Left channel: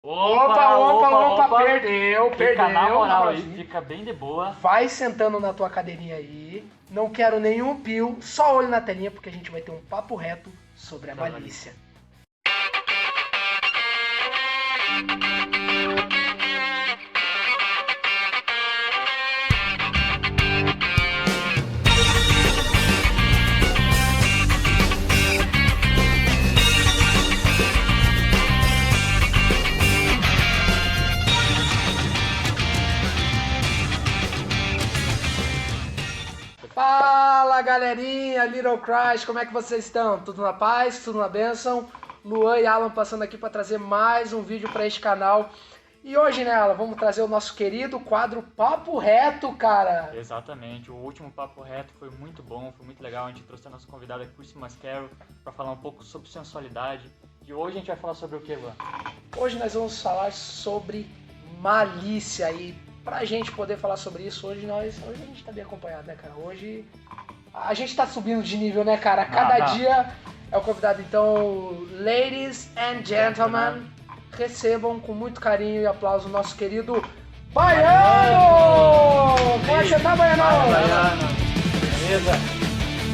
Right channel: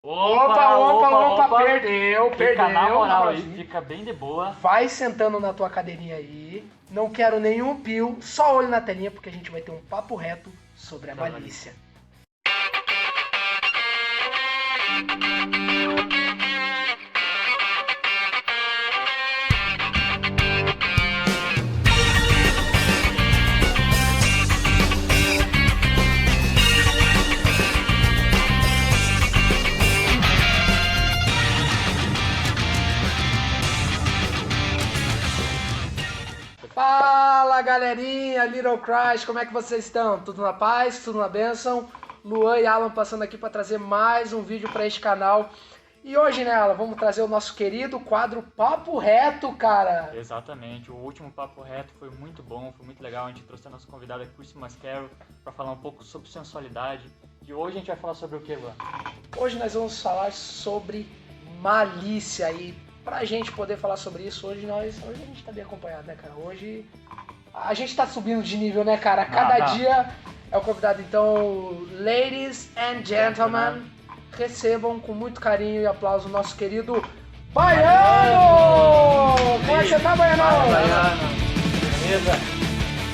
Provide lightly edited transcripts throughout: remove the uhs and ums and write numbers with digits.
Opa, perdeu. Fica na moral aí, Rapazinho. fica bem de boa. Vai sentando na tua cadeirinha aí. Não quero nenhum pio, só olho na telinha, porque a gente vai ter um papo reto sobre a malícia. Fala galerinha, Little Christ, como é que vocês estão? Tudo na paz? Tudo na bênção? Luan e Alan passando aqui para trazer mais um vídeo para este canal. E hoje, né, Alan, vamos trazer o nosso querido quadro Papo Reto, cara. Exatamente, o último papo reto foi muito bom, foi muito legal. A gente trouxe a nossa convidada Christy Mascaro para falar um pouco sobre sensualidade. E hoje a gente vai falar sobre o que, Luan? Hoje nós vamos falar sobre malícia e pra gente poder falar sobre isso, hoje a gente tá bem acompanhado, né, cara? Hoje a gente tá subindo de nível, né, cara? Cada dia é o convidado. Então, ladies and gentlemen, recebam com muito carinho e aplauso o nosso querido Baiano! Como é que você tá, Baiano? Baiano, beleza?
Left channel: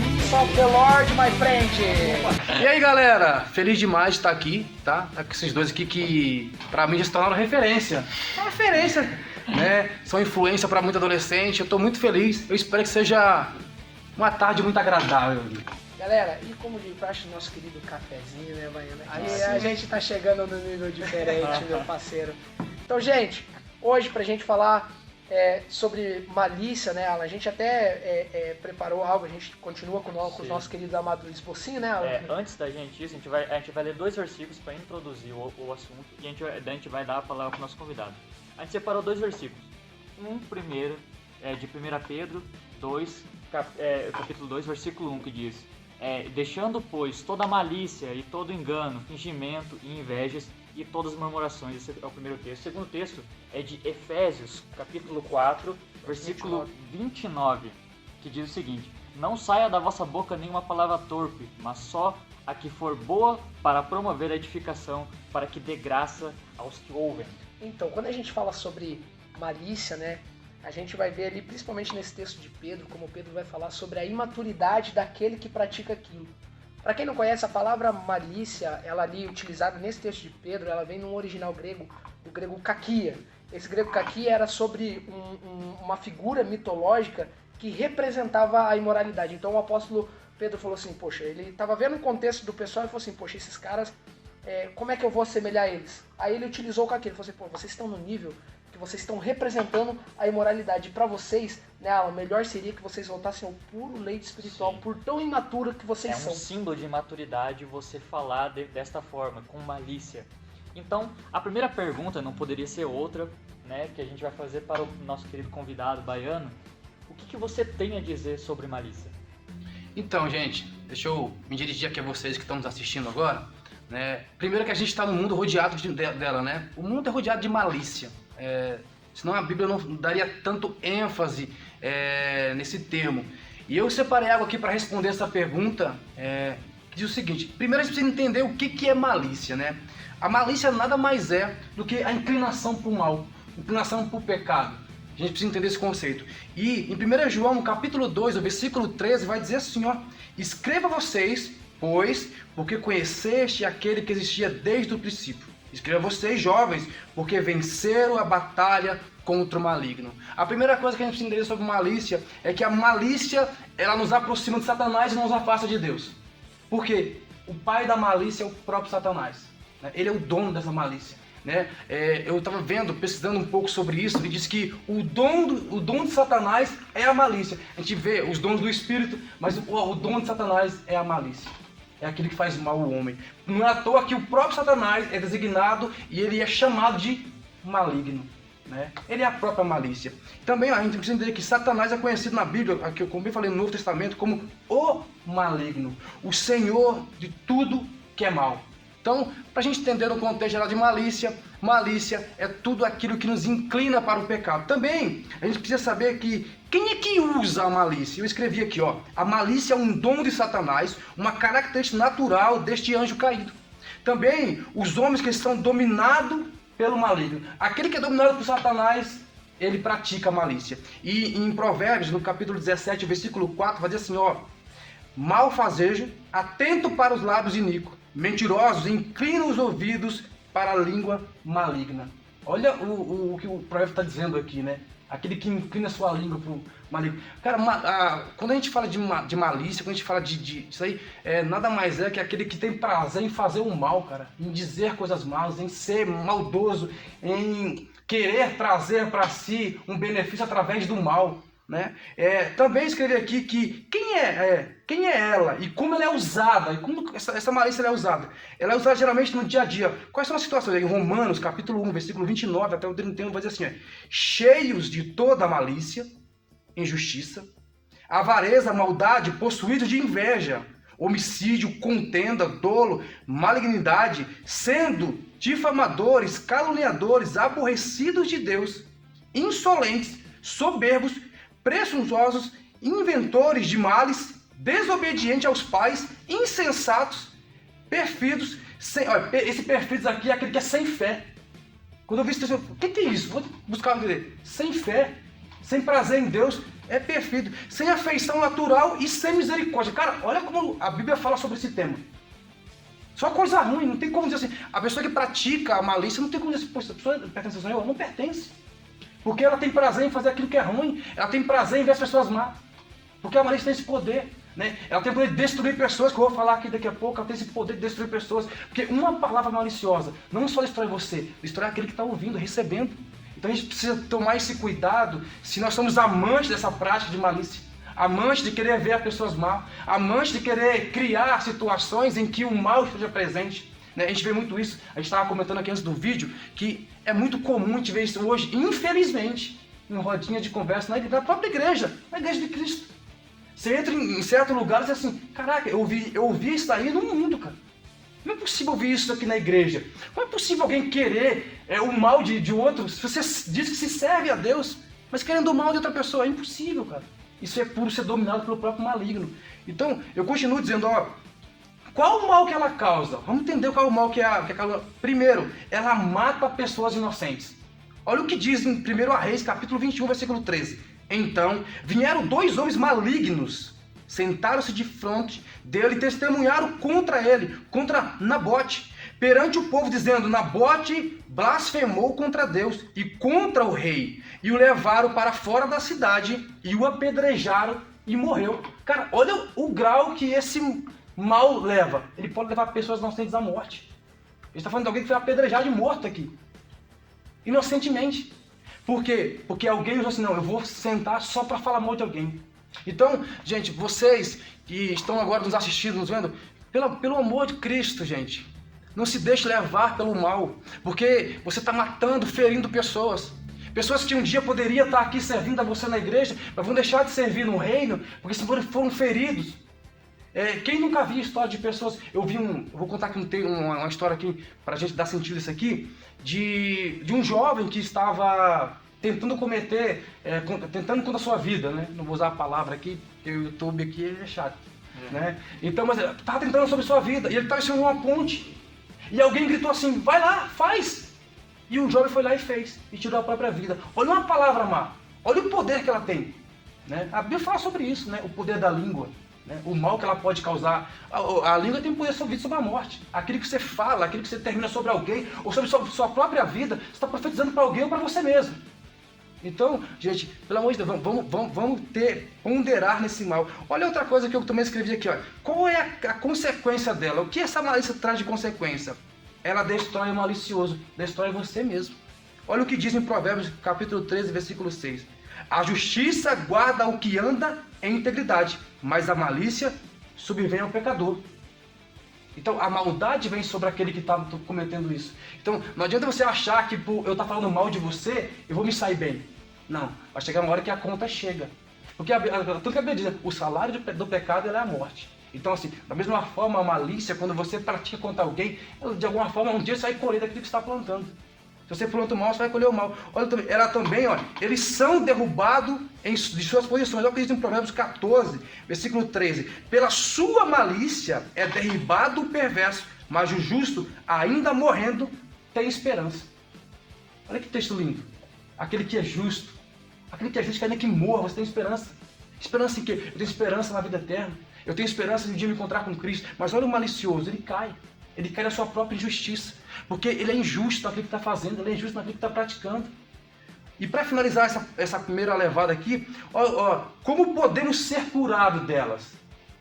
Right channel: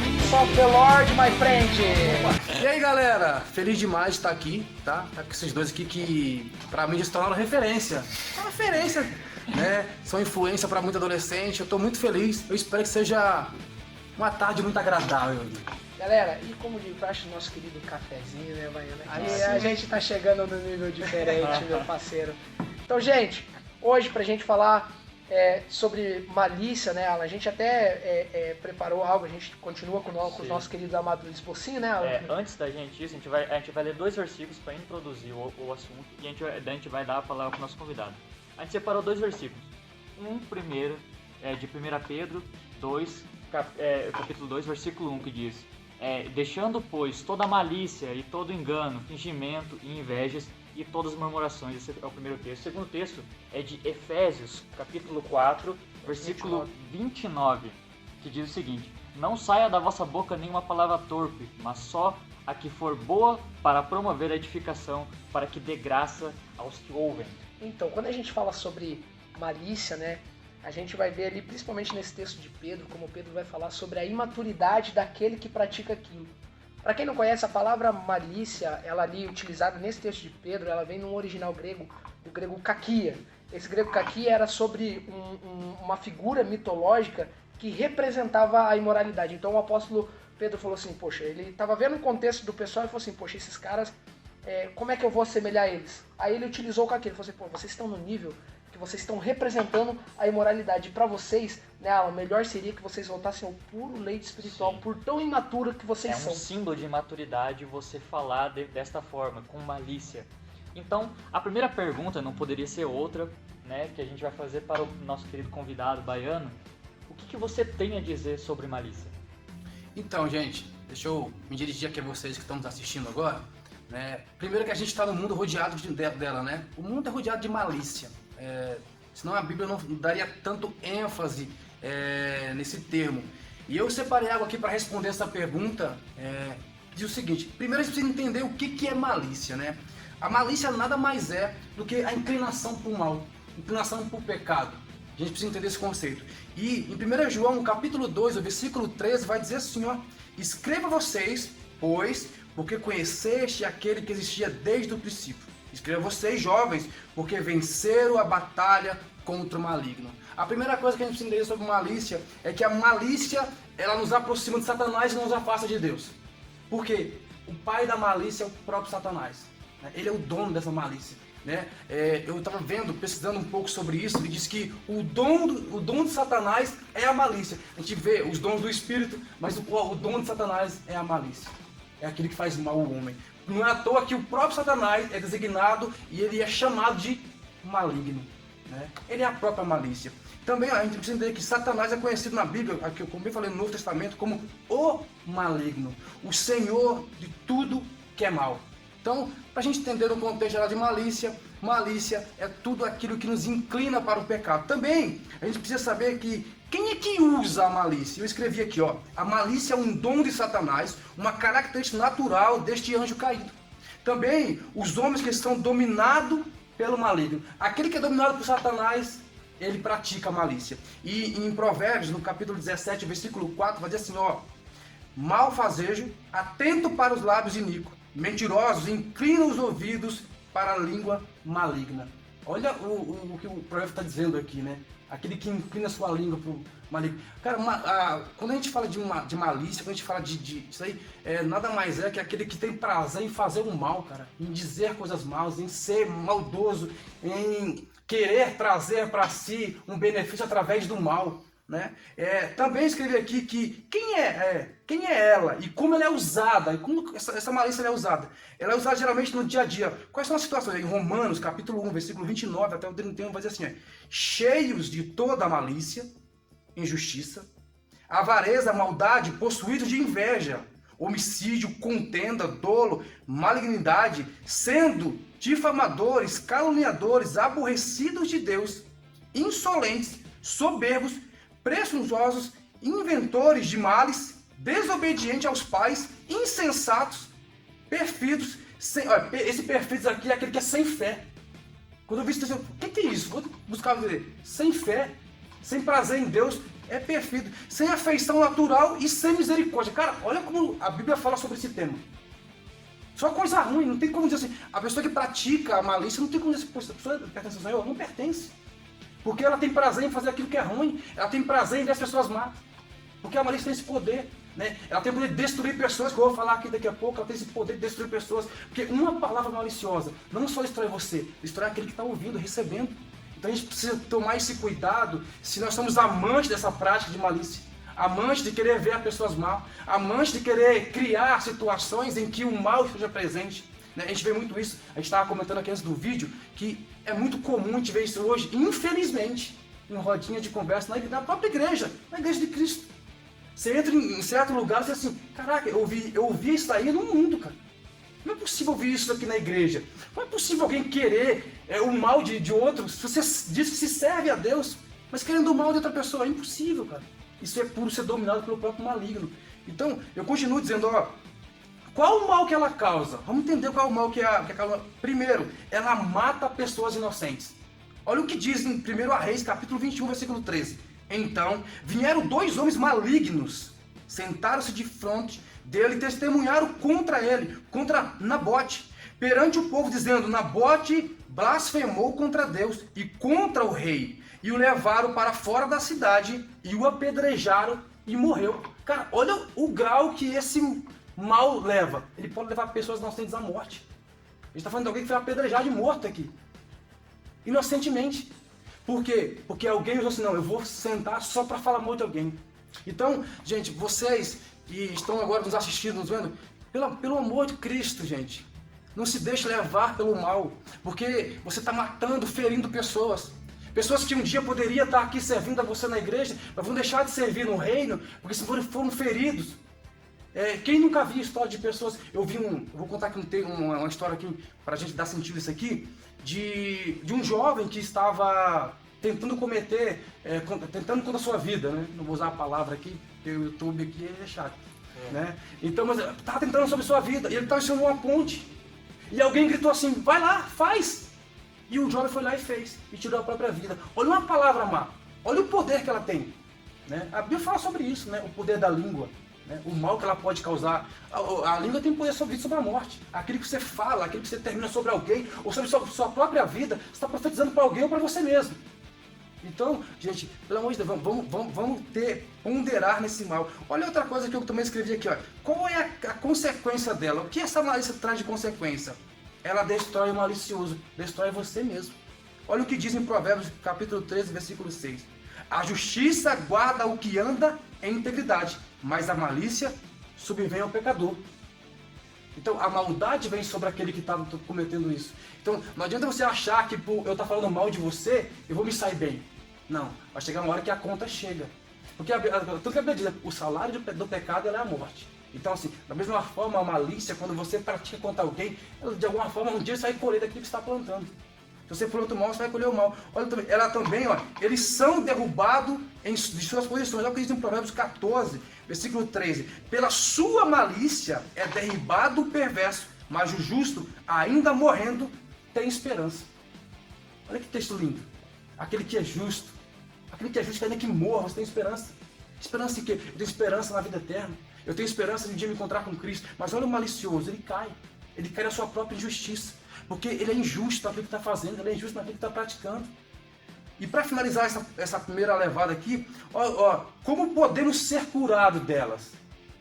Peace of the Lord, my friend! E aí galera, feliz demais de estar aqui, tá? Tá com esses dois aqui que pra mim já se tornaram referência. É referência, né? São influência pra muito adolescente, eu tô muito feliz, eu espero que seja uma tarde muito agradável. Galera, e como de praxe, nosso querido cafezinho, né, Baiano? Aqui Aí a sim. gente tá chegando num nível diferente, meu parceiro. Então, gente, hoje pra gente falar sobre malícia, né, Alan? A gente até preparou algo, a gente continua com os nossos queridos amados Esbocinho, né, Alan? Antes da gente isso, a gente vai ler 2 versículos para introduzir o assunto e a gente vai dar a palavra para o nosso convidado. A gente separou 2 versículos. Um primeiro é de 1 Pedro 2, capítulo 2, versículo 1, que diz: deixando, pois, toda malícia e todo engano, fingimento e invejas e todas as murmurações. Esse é o primeiro texto. O segundo texto é de Efésios, capítulo 4, versículo 29, que diz o seguinte: não saia da vossa boca nenhuma palavra torpe, mas só a que for boa para promover a edificação, para que dê graça aos que ouvem. Então, quando a gente fala sobre malícia, né, a gente vai ver ali, principalmente nesse texto de Pedro, como Pedro vai falar sobre a imaturidade daquele que pratica aquilo. Para quem não conhece, a palavra malícia, ela ali utilizada nesse texto de Pedro, ela vem num original grego, do grego kakia. Esse grego kakia era sobre uma figura mitológica que representava a imoralidade. Então o apóstolo Pedro falou assim, poxa, ele estava vendo o contexto do pessoal e falou assim, poxa, esses caras, como é que eu vou assemelhar eles? Aí ele utilizou o kakia, ele falou assim, pô, vocês estão no nível que vocês estão representando a imoralidade. Para vocês, né, o melhor seria que vocês voltassem ao puro leite espiritual, Sim. por tão imatura que vocês É são. um símbolo de imaturidade você falar desta forma, com malícia. Então, a primeira pergunta não poderia ser outra, né, que a gente vai fazer para o nosso querido convidado Baiano. O que você tem a dizer sobre malícia? Então, gente, deixa eu me dirigir aqui a vocês que estão nos assistindo agora, né? Primeiro que a gente está no mundo rodeado dela, né? O mundo é rodeado de malícia. Senão a Bíblia não daria tanto ênfase nesse termo. E eu separei algo aqui para responder essa pergunta, que diz o seguinte: primeiro a gente precisa entender o que é malícia, né? A malícia nada mais é do que a inclinação para o mal, inclinação para o pecado. A gente precisa entender esse conceito. E em 1 João, no capítulo 2, no versículo 13, vai dizer assim, ó: escreva vocês, pois, porque conheceste aquele que existia desde o princípio. Escreva vocês, jovens, porque venceram a batalha contra o maligno. A primeira coisa que a gente precisa entender sobre malícia é que a malícia, ela nos aproxima de Satanás e nos afasta de Deus. Por quê? O pai da malícia é o próprio Satanás, né? Ele é o dono dessa malícia, né? Eu estava pesquisando um pouco sobre isso, ele diz que o dom de Satanás é a malícia. A gente vê os dons do Espírito, mas o dom de Satanás é a malícia. É aquilo que faz mal ao homem. Não é à toa que o próprio Satanás é designado e ele é chamado de maligno, né? Ele é a própria malícia. Também a gente precisa entender que Satanás é conhecido na Bíblia, aqui como eu falei no Novo Testamento, como o maligno, o senhor de tudo que é mal. Então, para a gente entender no contexto geral de malícia, malícia é tudo aquilo que nos inclina para o pecado. Também, a gente precisa saber que quem é que usa a malícia? Eu escrevi aqui, ó: a malícia é um dom de Satanás, uma característica natural deste anjo caído. Também, os homens que estão dominados pelo maligno. Aquele que é dominado por Satanás, ele pratica a malícia. E em Provérbios, no capítulo 17, versículo 4, vai dizer assim, ó: malfazejo, atento para os lábios iníquos, mentirosos, inclinam os ouvidos para a língua maligna. Olha o que o provérbio está dizendo aqui, né? Aquele que inclina sua língua para o maligno. Cara, quando a gente fala de malícia, quando a gente fala isso aí, nada mais é que aquele que tem prazer em fazer o mal, cara. Em dizer coisas más, em ser maldoso, em querer trazer para si um benefício através do mal, né? Também escrevi aqui que quem é ela e como ela é usada, e como essa malícia ela é usada. Ela é usada geralmente no dia a dia. Quais são as situações? Em Romanos, capítulo 1, versículo 29 até o 31, vai dizer assim, cheios de toda malícia, injustiça, avareza, maldade, possuídos de inveja, homicídio, contenda, dolo, malignidade, sendo difamadores, caluniadores, aborrecidos de Deus, insolentes, soberbos, presunçosos, inventores de males, desobedientes aos pais, insensatos, perfidos. Esse perfidos aqui é aquele que é sem fé. Quando eu vi isso, o que é isso? Vou buscar ver. Sem fé, sem prazer em Deus, é perfeito. Sem afeição natural e sem misericórdia. Cara, olha como a Bíblia fala sobre esse tema. Só coisa ruim, não tem como dizer assim. A pessoa que pratica a malícia não tem como dizer assim, a pessoa pertence ao Senhor, ela não pertence. Porque ela tem prazer em fazer aquilo que é ruim, ela tem prazer em ver as pessoas má. Porque a malícia tem esse poder, né? Ela tem o poder de destruir pessoas, que eu vou falar aqui daqui a pouco, ela tem esse poder de destruir pessoas. Porque uma palavra maliciosa não só destrói você, destrói aquele que está ouvindo, recebendo. Então a gente precisa tomar esse cuidado se nós somos amantes dessa prática de malícia. Amantes de querer ver as pessoas mal, amantes de querer criar situações em que o mal esteja presente. A gente vê muito isso, a gente estava comentando aqui antes do vídeo, que é muito comum a gente ver isso hoje, infelizmente, em rodinha de conversa na própria igreja, na igreja de Cristo. Você entra em certo lugar e diz assim, caraca, eu ouvi isso aí no mundo, cara. Não é possível ouvir isso aqui na igreja. Não é possível alguém querer o mal de outro, se você diz que se serve a Deus, mas querendo o mal de outra pessoa, é impossível, cara. Isso é puro ser dominado pelo próprio maligno. Então, eu continuo dizendo, qual o mal que ela causa? Vamos entender qual é o mal que ela causa. Primeiro, ela mata pessoas inocentes. Olha o que diz em 1 Reis, capítulo 21, versículo 13. Então, vieram 2 homens malignos, sentaram-se de frente dele e testemunharam contra ele, contra Nabote, perante o povo, dizendo, Nabote blasfemou contra Deus e contra o rei, e o levaram para fora da cidade e o apedrejaram e morreu. Cara, olha o grau que esse mal leva. Ele pode levar pessoas inocentes à morte. A gente está falando de alguém que foi apedrejado e morto aqui. Inocentemente. Por quê? Porque alguém diz assim, não, eu vou sentar só para falar mal de alguém. Então, gente, vocês que estão agora nos assistindo, nos vendo, pelo amor de Cristo, gente, não se deixe levar pelo mal. Porque você está matando, ferindo pessoas. Pessoas que um dia poderiam estar aqui servindo a você na igreja, mas vão deixar de servir no reino, porque se foram feridos. Quem nunca viu história de pessoas... Eu vou contar aqui uma história aqui, para a gente dar sentido isso aqui, de um jovem que estava tentando tentando contra a sua vida, né? Não vou usar a palavra aqui, porque o YouTube aqui é chato. Né? Então, mas ele estava tentando sobre a sua vida, e ele estava em cima de uma ponte. E alguém gritou assim, vai lá, faz! E o jovem foi lá e fez, e tirou a própria vida. Olha uma palavra má, olha o poder que ela tem. Né? A Bíblia fala sobre isso, né? O poder da língua, né? O mal que ela pode causar. A língua tem poder sobre a morte. Aquilo que você fala, aquilo que você termina sobre alguém, ou sobre sua própria vida, você está profetizando para alguém ou para você mesmo. Então, gente, pelo amor de Deus, vamos ponderar nesse mal. Olha outra coisa que eu também escrevi aqui, ó. Qual é a consequência dela? O que essa malícia traz de consequência? Ela destrói o malicioso, destrói você mesmo. Olha o que diz em Provérbios, capítulo 13, versículo 6. A justiça guarda o que anda em integridade, mas a malícia subvém ao pecador. Então, a maldade vem sobre aquele que está cometendo isso. Então, não adianta você achar que por eu estar falando mal de você, eu vou me sair bem. Não, vai chegar uma hora que a conta chega. Porque tudo que a Bíblia diz, o salário do pecado é a morte. Então, assim, da mesma forma, a malícia, quando você pratica contra alguém, de alguma forma, um dia você vai colher daquilo que você está plantando. Se você planta o mal, você vai colher o mal. Olha, ela também, olha, eles são derrubados de suas posições. Olha o que diz em Provérbios 14, versículo 13. Pela sua malícia é derribado o perverso, mas o justo, ainda morrendo, tem esperança. Olha que texto lindo. Aquele que é justo. Aquele que é justo, ainda que morra, você tem esperança. Esperança em quê? Eu tenho esperança na vida eterna. Eu tenho esperança de um dia me encontrar com Cristo. Mas olha o malicioso, ele cai. Ele cai na sua própria injustiça. Porque ele é injusto naquilo que está fazendo, ele é injusto naquilo que está praticando. E para finalizar essa primeira levada aqui, como podemos ser curados delas?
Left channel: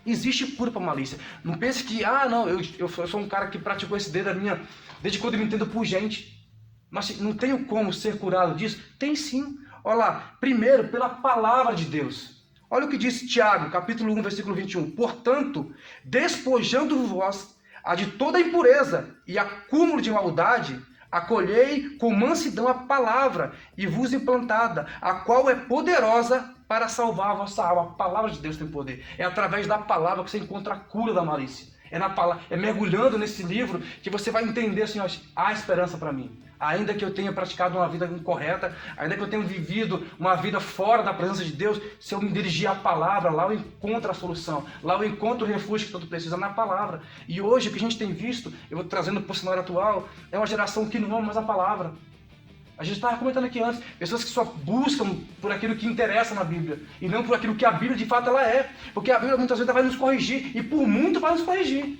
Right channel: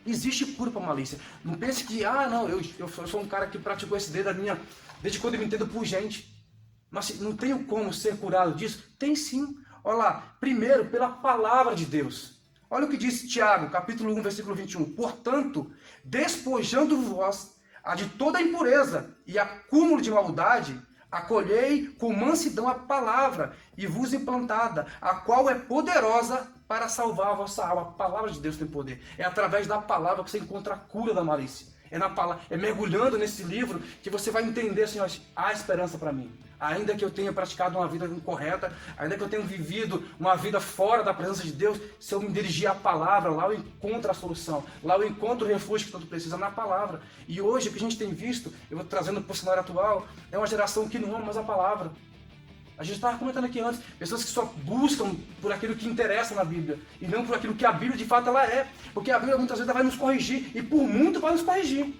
Existe cura para a malícia. Não pense que, não, eu sou um cara que praticou esse desde quando eu me entendo por gente. Mas não tenho como ser curado disso? Tem sim. Olha lá, primeiro, pela palavra de Deus. Olha o que diz Tiago, capítulo 1, versículo 21. Portanto, despojando-vos a de toda impureza e acúmulo de maldade, acolhei com mansidão a palavra e vos implantada, a qual é poderosa para salvar a vossa alma. A palavra de Deus tem poder. É através da palavra que você encontra a cura da malícia. É mergulhando nesse livro que você vai entender assim, há esperança para mim. Ainda que eu tenha praticado uma vida incorreta, ainda que eu tenha vivido uma vida fora da presença de Deus, se eu me dirigir à palavra, lá eu encontro a solução, lá eu encontro o refúgio que tanto precisa na palavra. E hoje o que a gente tem visto, eu vou trazendo para o cenário atual, é uma geração que não ama mais a palavra. A gente estava comentando aqui antes, pessoas que só buscam por aquilo que interessa na Bíblia, e não por aquilo que a Bíblia de fato ela é. Porque a Bíblia muitas vezes vai nos corrigir, e por muito vai nos corrigir.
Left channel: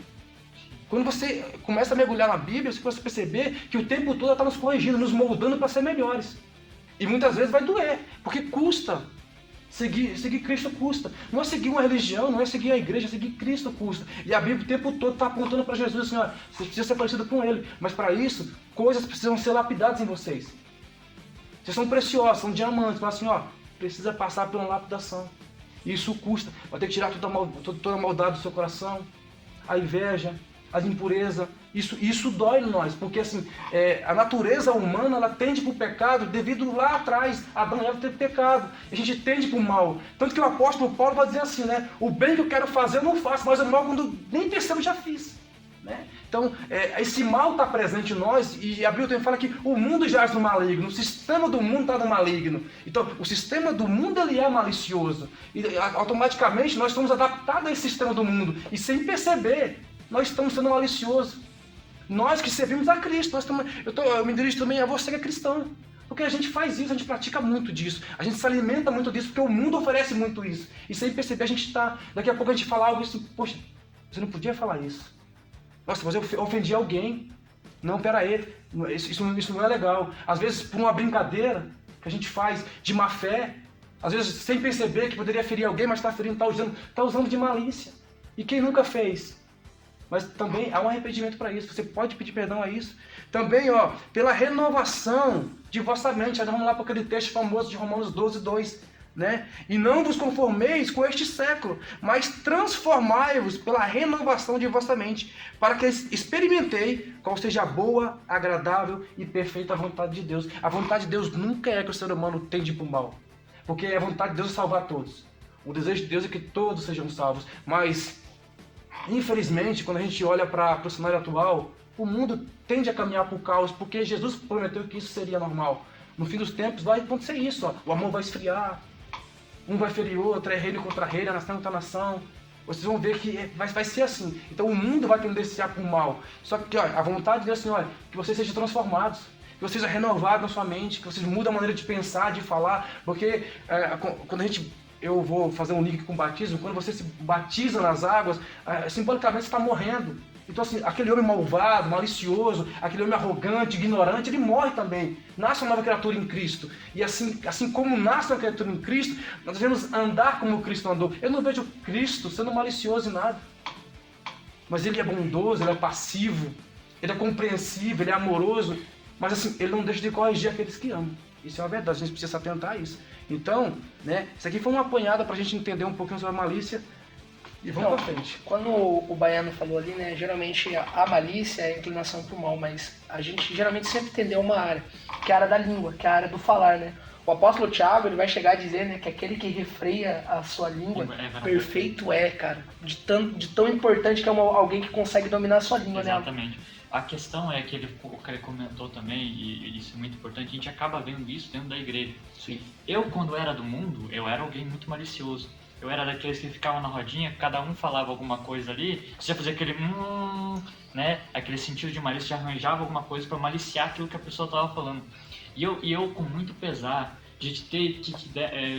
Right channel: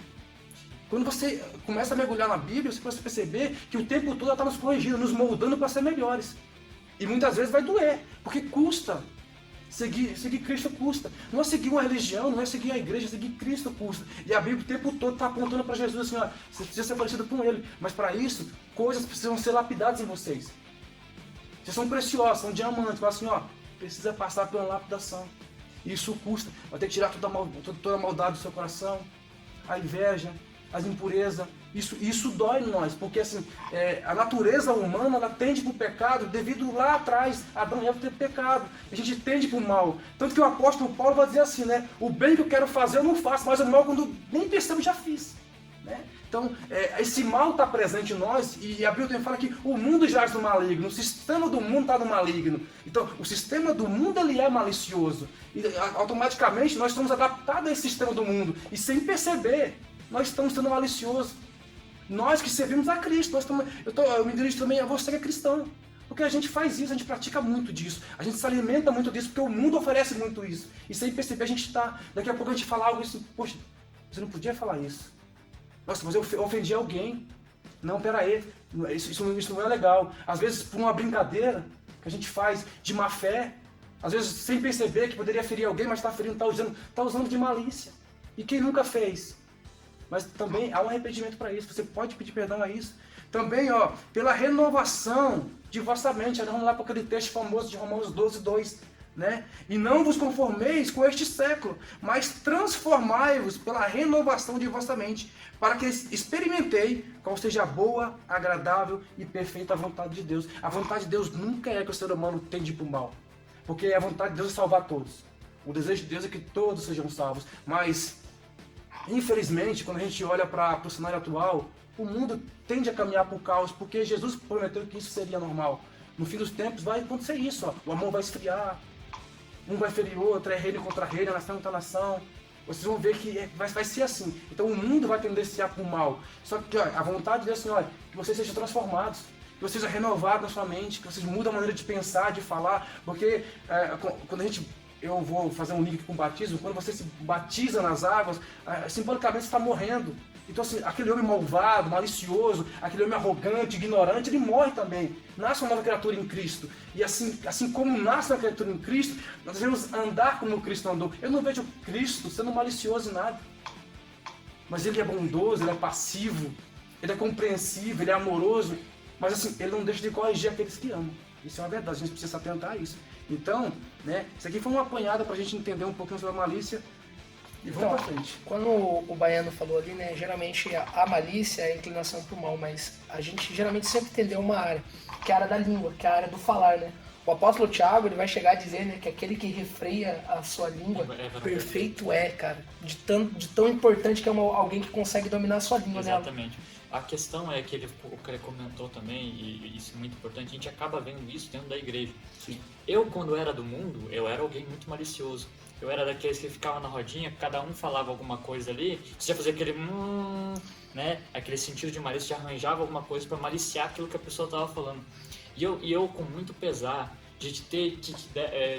Quando você começa a mergulhar na Bíblia, você começa a perceber que o tempo todo ela está nos corrigindo, nos moldando para ser melhores. E muitas vezes vai doer, porque custa. Seguir Cristo custa. Não é seguir uma religião, não é seguir a igreja, é seguir Cristo custa. E a Bíblia o tempo todo está apontando para Jesus assim, você precisa ser parecido com Ele. Mas para isso, coisas precisam ser lapidadas em vocês. Vocês são preciosos, são diamantes, mas assim, precisa passar por uma lapidação. E isso custa. Vai ter que tirar toda a maldade do seu coração, a inveja, as impurezas, isso dói em nós, porque assim, a natureza humana, ela tende para o pecado devido lá atrás, Adão e Eva ter pecado, a gente tende para o mal, tanto que o apóstolo Paulo vai dizer assim, né, o bem que eu quero fazer eu não faço, mas o mal quando nem pensando já fiz, né? Então, esse mal está presente em nós, e a Bíblia também fala que o mundo jaz no maligno, o sistema do mundo está no maligno, então o sistema do mundo ele é malicioso, e automaticamente nós estamos adaptados a esse sistema do mundo, e sem perceber, nós estamos sendo maliciosos. Nós que servimos a Cristo. Eu me dirijo também a você que é cristão. Porque a gente faz isso, a gente pratica muito disso. A gente se alimenta muito disso, porque o mundo oferece muito isso. E sem perceber a gente está... Daqui a pouco a gente fala algo assim, poxa, você não podia falar isso. Nossa, mas eu ofendi alguém. Não, pera aí, isso não é legal. Às vezes por uma brincadeira que a gente faz de má fé, às vezes sem perceber que poderia ferir alguém, mas está ferindo, está usando de malícia. E quem nunca fez? Mas também há um arrependimento para isso. Você pode pedir perdão a isso. Também, pela renovação de vossa mente. Aí vamos lá para aquele texto famoso de Romanos 12, 2. Né? E não vos conformeis com este século, mas transformai-vos pela renovação de vossa mente, para que experimentei qual seja a boa, agradável e perfeita vontade de Deus. A vontade de Deus nunca é que o ser humano tende para o mal. Porque a vontade de Deus é salvar todos. O desejo de Deus é que todos sejam salvos. Mas... infelizmente, quando a gente olha para o cenário atual, o mundo tende a caminhar para o caos, porque Jesus prometeu que isso seria normal. No fim dos tempos vai acontecer isso, o amor vai esfriar, um vai ferir outro, é reino contra reino, a nação contra a nação. Vocês vão ver que vai ser assim. Então o mundo vai tendenciar para o mal. Só que a vontade de Deus, Senhor, é que vocês sejam transformados, que vocês sejam renovados na sua mente, que vocês mudem a maneira de pensar, de falar, porque quando eu vou fazer um link com o batismo, quando você se batiza nas águas, simbolicamente você está morrendo. Então assim, aquele homem malvado, malicioso, aquele homem arrogante, ignorante, ele morre também. Nasce uma nova criatura em Cristo. E assim como nasce uma criatura em Cristo, nós devemos andar como Cristo andou. Eu não vejo Cristo sendo malicioso em nada. Mas ele é bondoso, ele é passivo, ele é compreensivo, ele é amoroso. Mas assim, ele não deixa de corrigir aqueles que amam. Isso é uma verdade, a gente precisa se atentar a isso. Então, né, isso aqui foi uma apanhada pra gente entender um pouquinho sobre a malícia e vamos pra frente. Quando o Baiano falou ali, né, geralmente a malícia é a inclinação pro mal, mas a gente geralmente sempre entendeu uma área, que é a área da língua, que é a área do falar, né? O apóstolo Tiago, ele vai chegar a dizer, né, que aquele que refreia a sua língua, perfeito é, cara. De tão importante que é alguém que consegue dominar a sua língua, exatamente. Né? A questão é que o cara comentou também, e isso é muito importante, a gente acaba vendo isso dentro da igreja. Sim. Eu, quando era do mundo, eu era alguém muito malicioso. Eu era daqueles que ficavam na rodinha, cada um falava alguma coisa ali, você já fazia aquele né? Aquele sentido de malícia, já arranjava alguma coisa para maliciar aquilo que a pessoa estava falando. E eu com muito pesar de ter que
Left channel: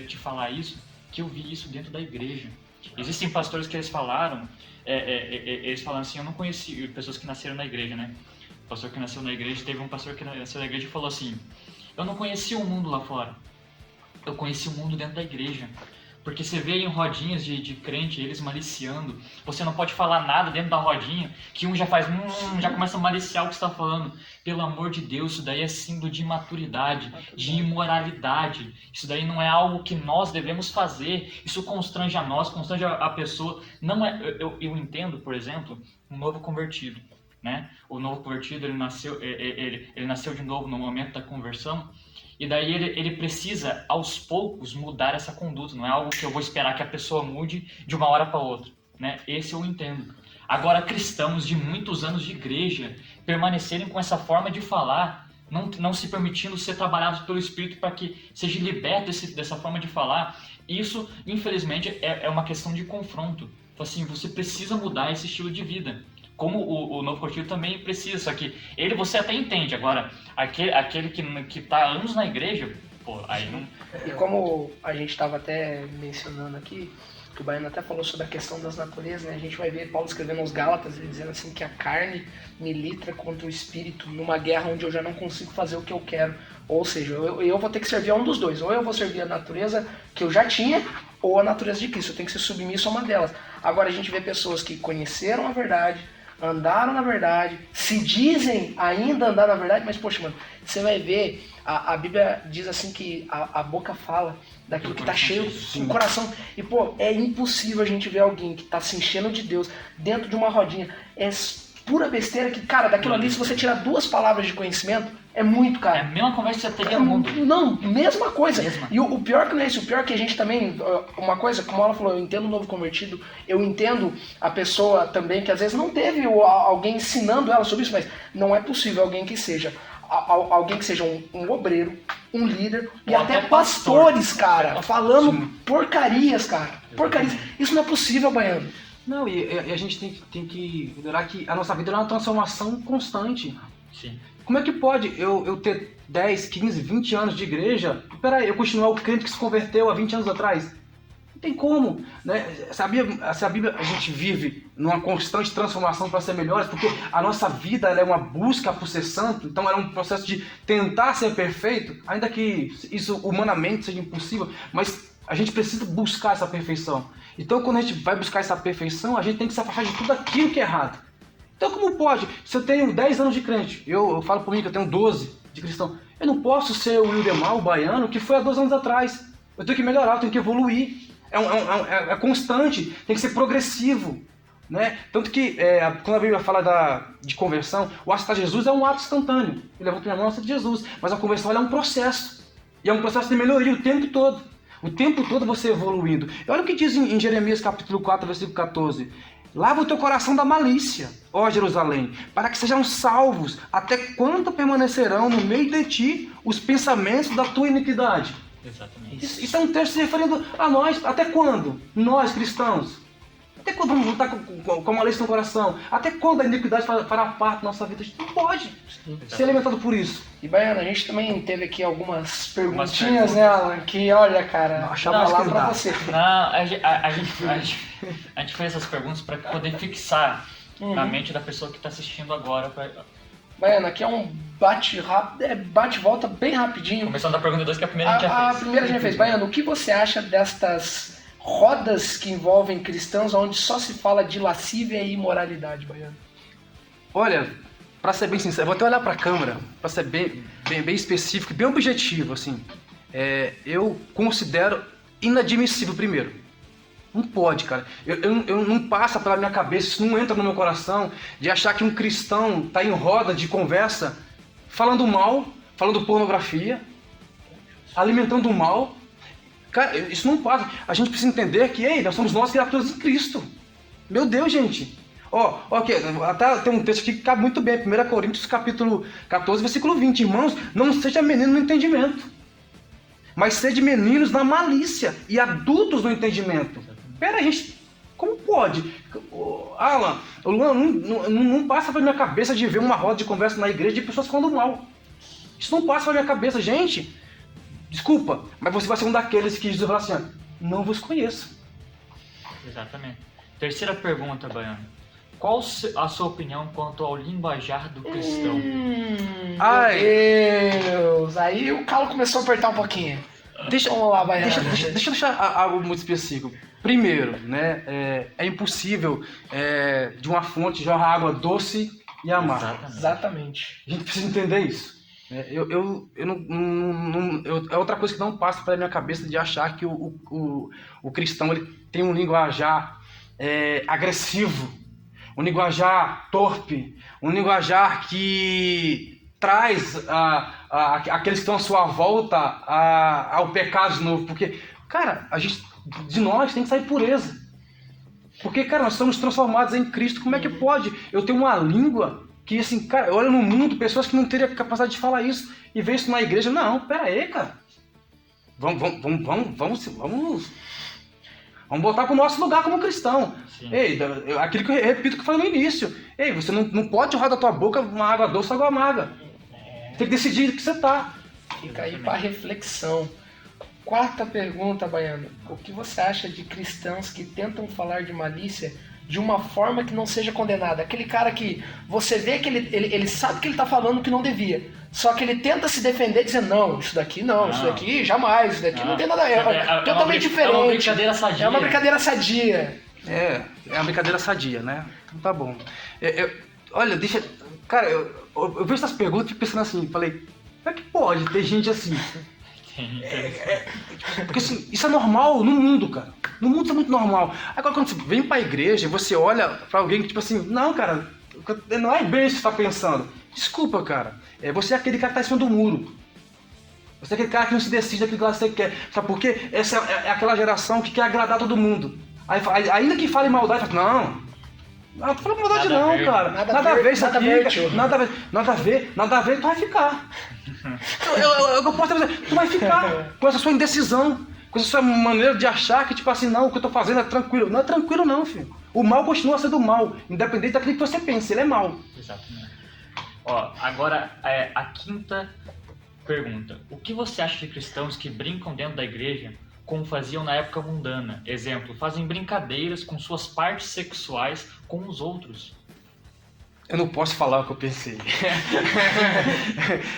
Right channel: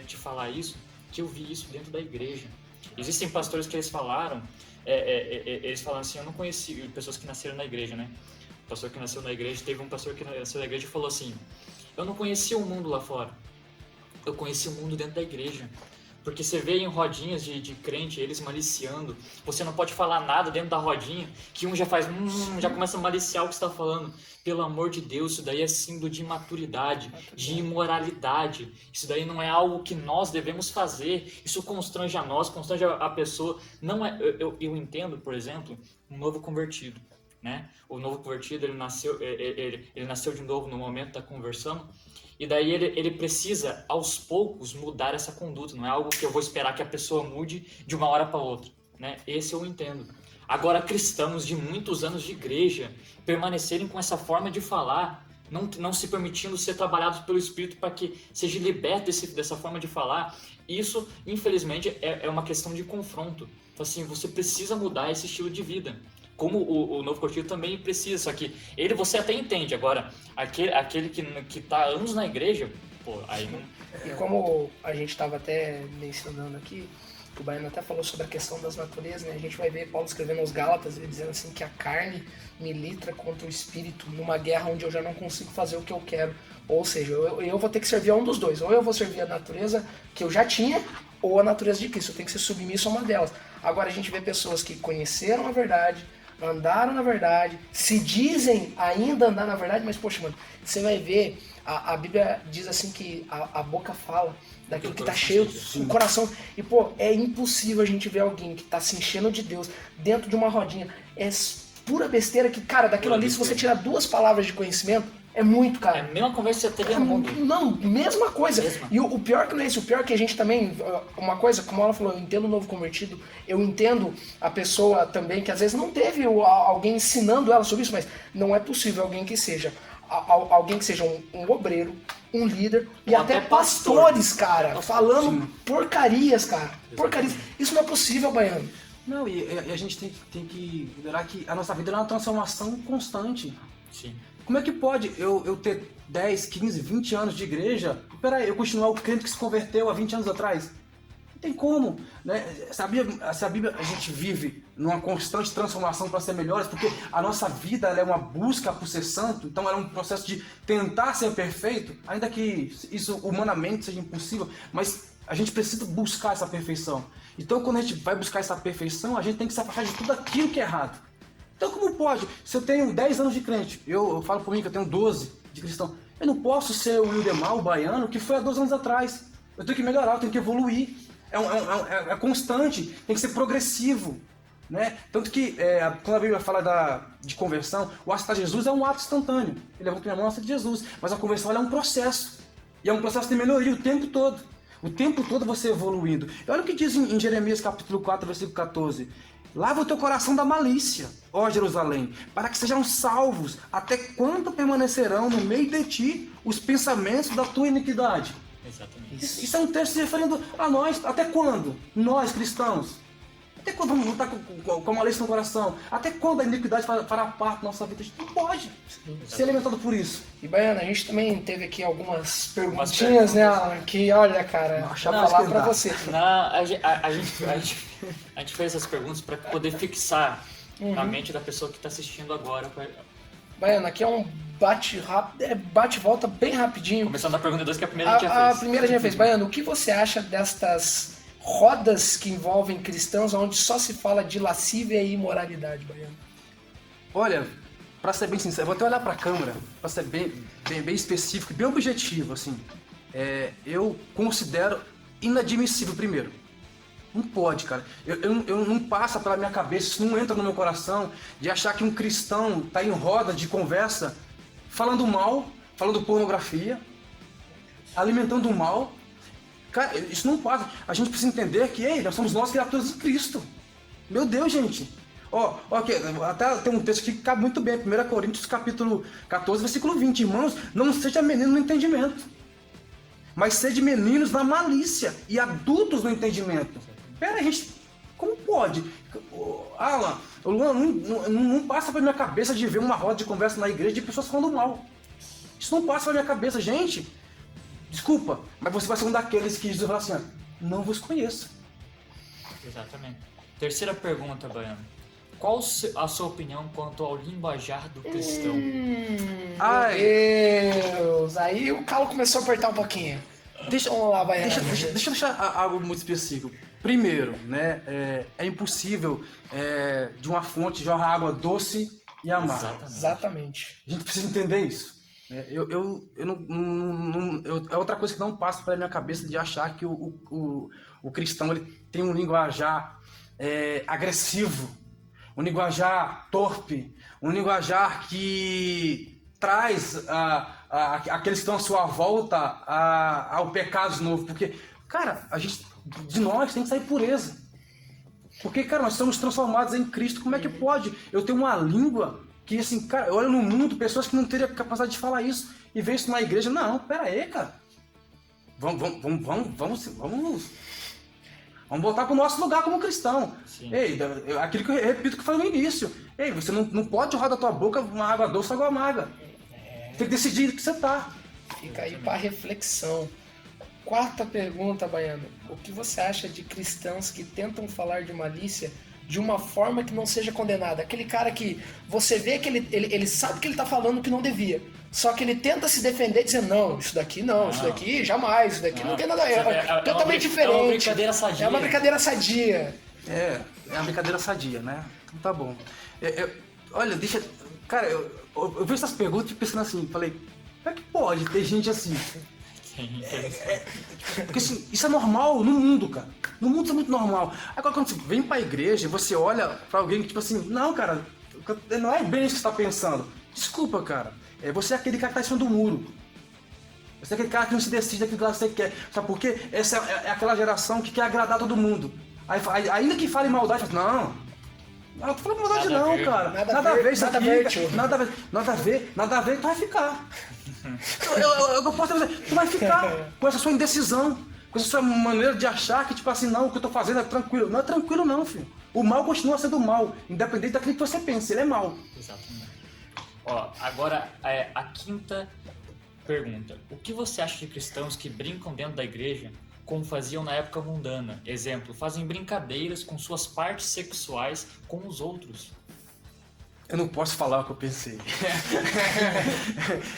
te falar isso, que eu vi isso dentro da igreja. Existem pastores que eles falaram assim, eu não conheci pessoas que nasceram na igreja, né? Pastor que nasceu na igreja, teve um pastor que nasceu na igreja e falou assim: eu não conhecia o mundo lá fora, eu conheci o mundo dentro da igreja. Porque você vê em rodinhas de crente, eles maliciando. Você não pode falar nada dentro da rodinha, que um já faz, já começa a maliciar o que você está falando. Pelo amor de Deus, isso daí é símbolo de imaturidade, de imoralidade. Isso daí não é algo que nós devemos fazer. Isso constrange a nós, constrange a pessoa. Não é, eu entendo, por exemplo, um novo convertido. Né? O novo convertido, ele nasceu de novo no momento da conversão. E daí ele precisa, aos poucos, mudar essa conduta. Não é algo que eu vou esperar que a pessoa mude de uma hora para outra. Né? Esse eu entendo. Agora, cristãos de muitos anos de igreja permanecerem com essa forma de falar, não se permitindo ser trabalhados pelo Espírito para que seja liberto dessa forma de falar, isso, infelizmente, é uma questão de confronto. Assim, você precisa mudar esse estilo de vida. Como o novo convertido também precisa, só que você até entende. Agora, aquele que está anos na igreja, pô, aí não... E como a gente estava até mencionando aqui, que o Baiano até falou sobre a questão das naturezas, né? A gente vai ver Paulo escrevendo aos Gálatas, ele dizendo assim que a carne milita contra o espírito numa guerra onde eu já não consigo fazer o que eu quero. Ou seja, eu vou ter que servir a um dos dois. Ou eu vou servir a natureza que eu já tinha, ou a natureza de Cristo. Eu tenho que ser submisso a uma delas. Agora a gente vê pessoas que conheceram a verdade, andaram na verdade, se dizem ainda andar na verdade, mas poxa, mano, você vai ver, a Bíblia diz assim que a boca fala daquilo que tá cheio do coração. E pô, é impossível a gente ver alguém que tá se enchendo de Deus dentro de uma rodinha. É pura besteira que, cara, daquilo ali, se você tirar 2 palavras de conhecimento, é muito, cara. É a mesma conversa que você teria no mundo. Não, mesma coisa. E o pior que não é isso, o pior é que a gente também, uma coisa, como ela falou, eu entendo o novo convertido, eu entendo a pessoa também que às vezes não teve alguém ensinando ela sobre isso, mas não é possível alguém que seja um obreiro, um líder e até pastores, cara, falando porcarias, cara. Porcarias. Isso não é possível, Baiano. Não, e a gente tem que lembrar que a nossa vida é uma transformação constante. Sim. Como é que pode eu ter 10, 15, 20 anos de igreja, peraí, eu continuar o crente que se converteu há 20 anos atrás? Não tem como, né? Se a Bíblia, a gente vive numa constante transformação para ser melhores, porque a nossa vida é uma busca por ser santo, então é um processo de tentar ser perfeito, ainda que isso humanamente seja impossível, mas a gente precisa buscar essa perfeição. Então quando a gente vai buscar essa perfeição, a gente tem que se afastar de tudo aquilo que é errado. Então como pode? Se eu tenho 10 anos de crente, eu falo por mim que eu tenho 12 de cristão, eu não posso ser o Wildemar, o baiano, que foi há 2 anos atrás. Eu tenho que melhorar, eu tenho que evoluir. É constante, tem que ser progressivo. Né? Tanto que quando a Bíblia fala de conversão, o aceitar Jesus é um ato instantâneo. Ele levanta minha mão e aceita Jesus. Mas a conversão é um processo. E é um processo de melhoria o tempo todo. O tempo todo você evoluindo. E olha o que diz em Jeremias capítulo 4, versículo 14. Lava o teu coração da malícia, ó Jerusalém, para que sejam salvos, até quando permanecerão no meio de ti os pensamentos da tua iniquidade. Exatamente. Isso é um texto se referindo a nós. Até quando? Nós, cristãos. Até quando vamos lutar com a malícia no coração? Até quando a iniquidade fará parte da nossa vida? A gente não pode ser alimentado por isso. E, Baiano, a gente também teve aqui algumas perguntinhas, né, Alan? Que, olha, cara, deixa eu falar pra você. Não, a gente fez essas perguntas para poder fixar na mente da pessoa que está assistindo agora. Baiano, aqui é um bate-volta bem rapidinho. Começando da pergunta 2, que a primeira a gente já fez. A primeira a gente já fez. Baiano, o que você acha destas rodas que envolvem cristãos onde só se fala de lascívia e imoralidade, Baiano? Olha, pra ser bem sincero, vou até olhar pra câmera, pra ser bem específico e bem objetivo, assim. Eu considero inadmissível primeiro. Não pode, cara. Eu não passa pela minha cabeça, isso não entra no meu coração, de achar que um cristão tá em roda de conversa falando mal, falando pornografia, alimentando o mal. Cara, isso não passa. A gente precisa entender que, nós somos nós criaturas em Cristo. Meu Deus, gente. Aqui, até tem um texto aqui que cabe muito bem. 1 Coríntios capítulo 14, versículo 20. Irmãos, não seja menino no entendimento, mas sede meninos na malícia e adultos no entendimento. Pera aí, gente, como pode? Alan, não passa pela minha cabeça de ver uma roda de conversa na igreja de pessoas falando mal. Isso não passa pela minha cabeça, gente. Desculpa, mas você vai ser um daqueles que Jesus vai falar assim, não vos conheço. Exatamente. Terceira pergunta, Baiano. Qual a sua opinião quanto ao linguajar do cristão? Ai. Meu Deus, aí o calo começou a apertar um pouquinho. Vamos lá, Baiano. Deixa eu deixar algo muito específico. Primeiro, né, é impossível de uma fonte jorrar água doce e amarga. Exatamente. A gente precisa entender isso. É outra coisa que não passa pela minha cabeça de achar que o cristão ele tem um linguajar agressivo, um linguajar torpe, um linguajar que traz aqueles que estão à sua volta ao pecado de novo. Porque, cara, de nós tem que sair pureza. Porque, cara, nós somos transformados em Cristo. Como é que pode eu ter uma língua que, assim, cara, olha no mundo, pessoas que não teriam capacidade de falar isso e ver isso na igreja? Não, pera aí, cara. Vamos botar pro nosso lugar como cristão. Sim. Ei, aquilo que eu repito que foi no início. Ei, você não pode jorrar da tua boca uma água doce ou água amarga. Tem que decidir o que você tá. Fica aí para reflexão. Quarta pergunta, Baiano. O que você acha de cristãos que tentam falar de malícia de uma forma que não seja condenada? Aquele cara que você vê que ele sabe que ele tá falando que não devia. Só que ele tenta se defender dizendo, não, isso daqui não, isso daqui jamais, isso daqui não tem nada a ver. É totalmente diferente. É uma brincadeira sadia. É uma brincadeira sadia. É uma brincadeira sadia, né? Então tá bom. Olha, deixa... Cara, eu vejo essas perguntas e fico pensando assim, falei, como é que pode ter gente assim? Porque assim, isso é normal no mundo, cara. No mundo isso é muito normal. Agora quando você vem pra igreja e você olha pra alguém que tipo assim, não, cara, não é bem isso que você tá pensando. Desculpa, cara. Você é aquele cara que tá em cima do muro. Você é aquele cara que não se decide daquilo que você quer. Sabe por quê? Essa é aquela geração que quer agradar todo mundo. Aí, ainda que fale maldade, fala, não, tô falando maldade não, cara. Nada a ver isso aqui, nada a ver, tu vai ficar. Eu posso dizer, tu vai ficar com essa sua indecisão, com essa sua maneira de achar que, tipo assim, não, o que eu tô fazendo é tranquilo. Não é tranquilo não, filho. O mal continua sendo mal, independente daquilo que você pensa, ele é mal. Exatamente. Ó, agora a quinta pergunta. O que você acha de cristãos que brincam dentro da igreja como faziam na época mundana? Exemplo, fazem brincadeiras com suas partes sexuais com os outros. Eu não posso falar o que eu pensei.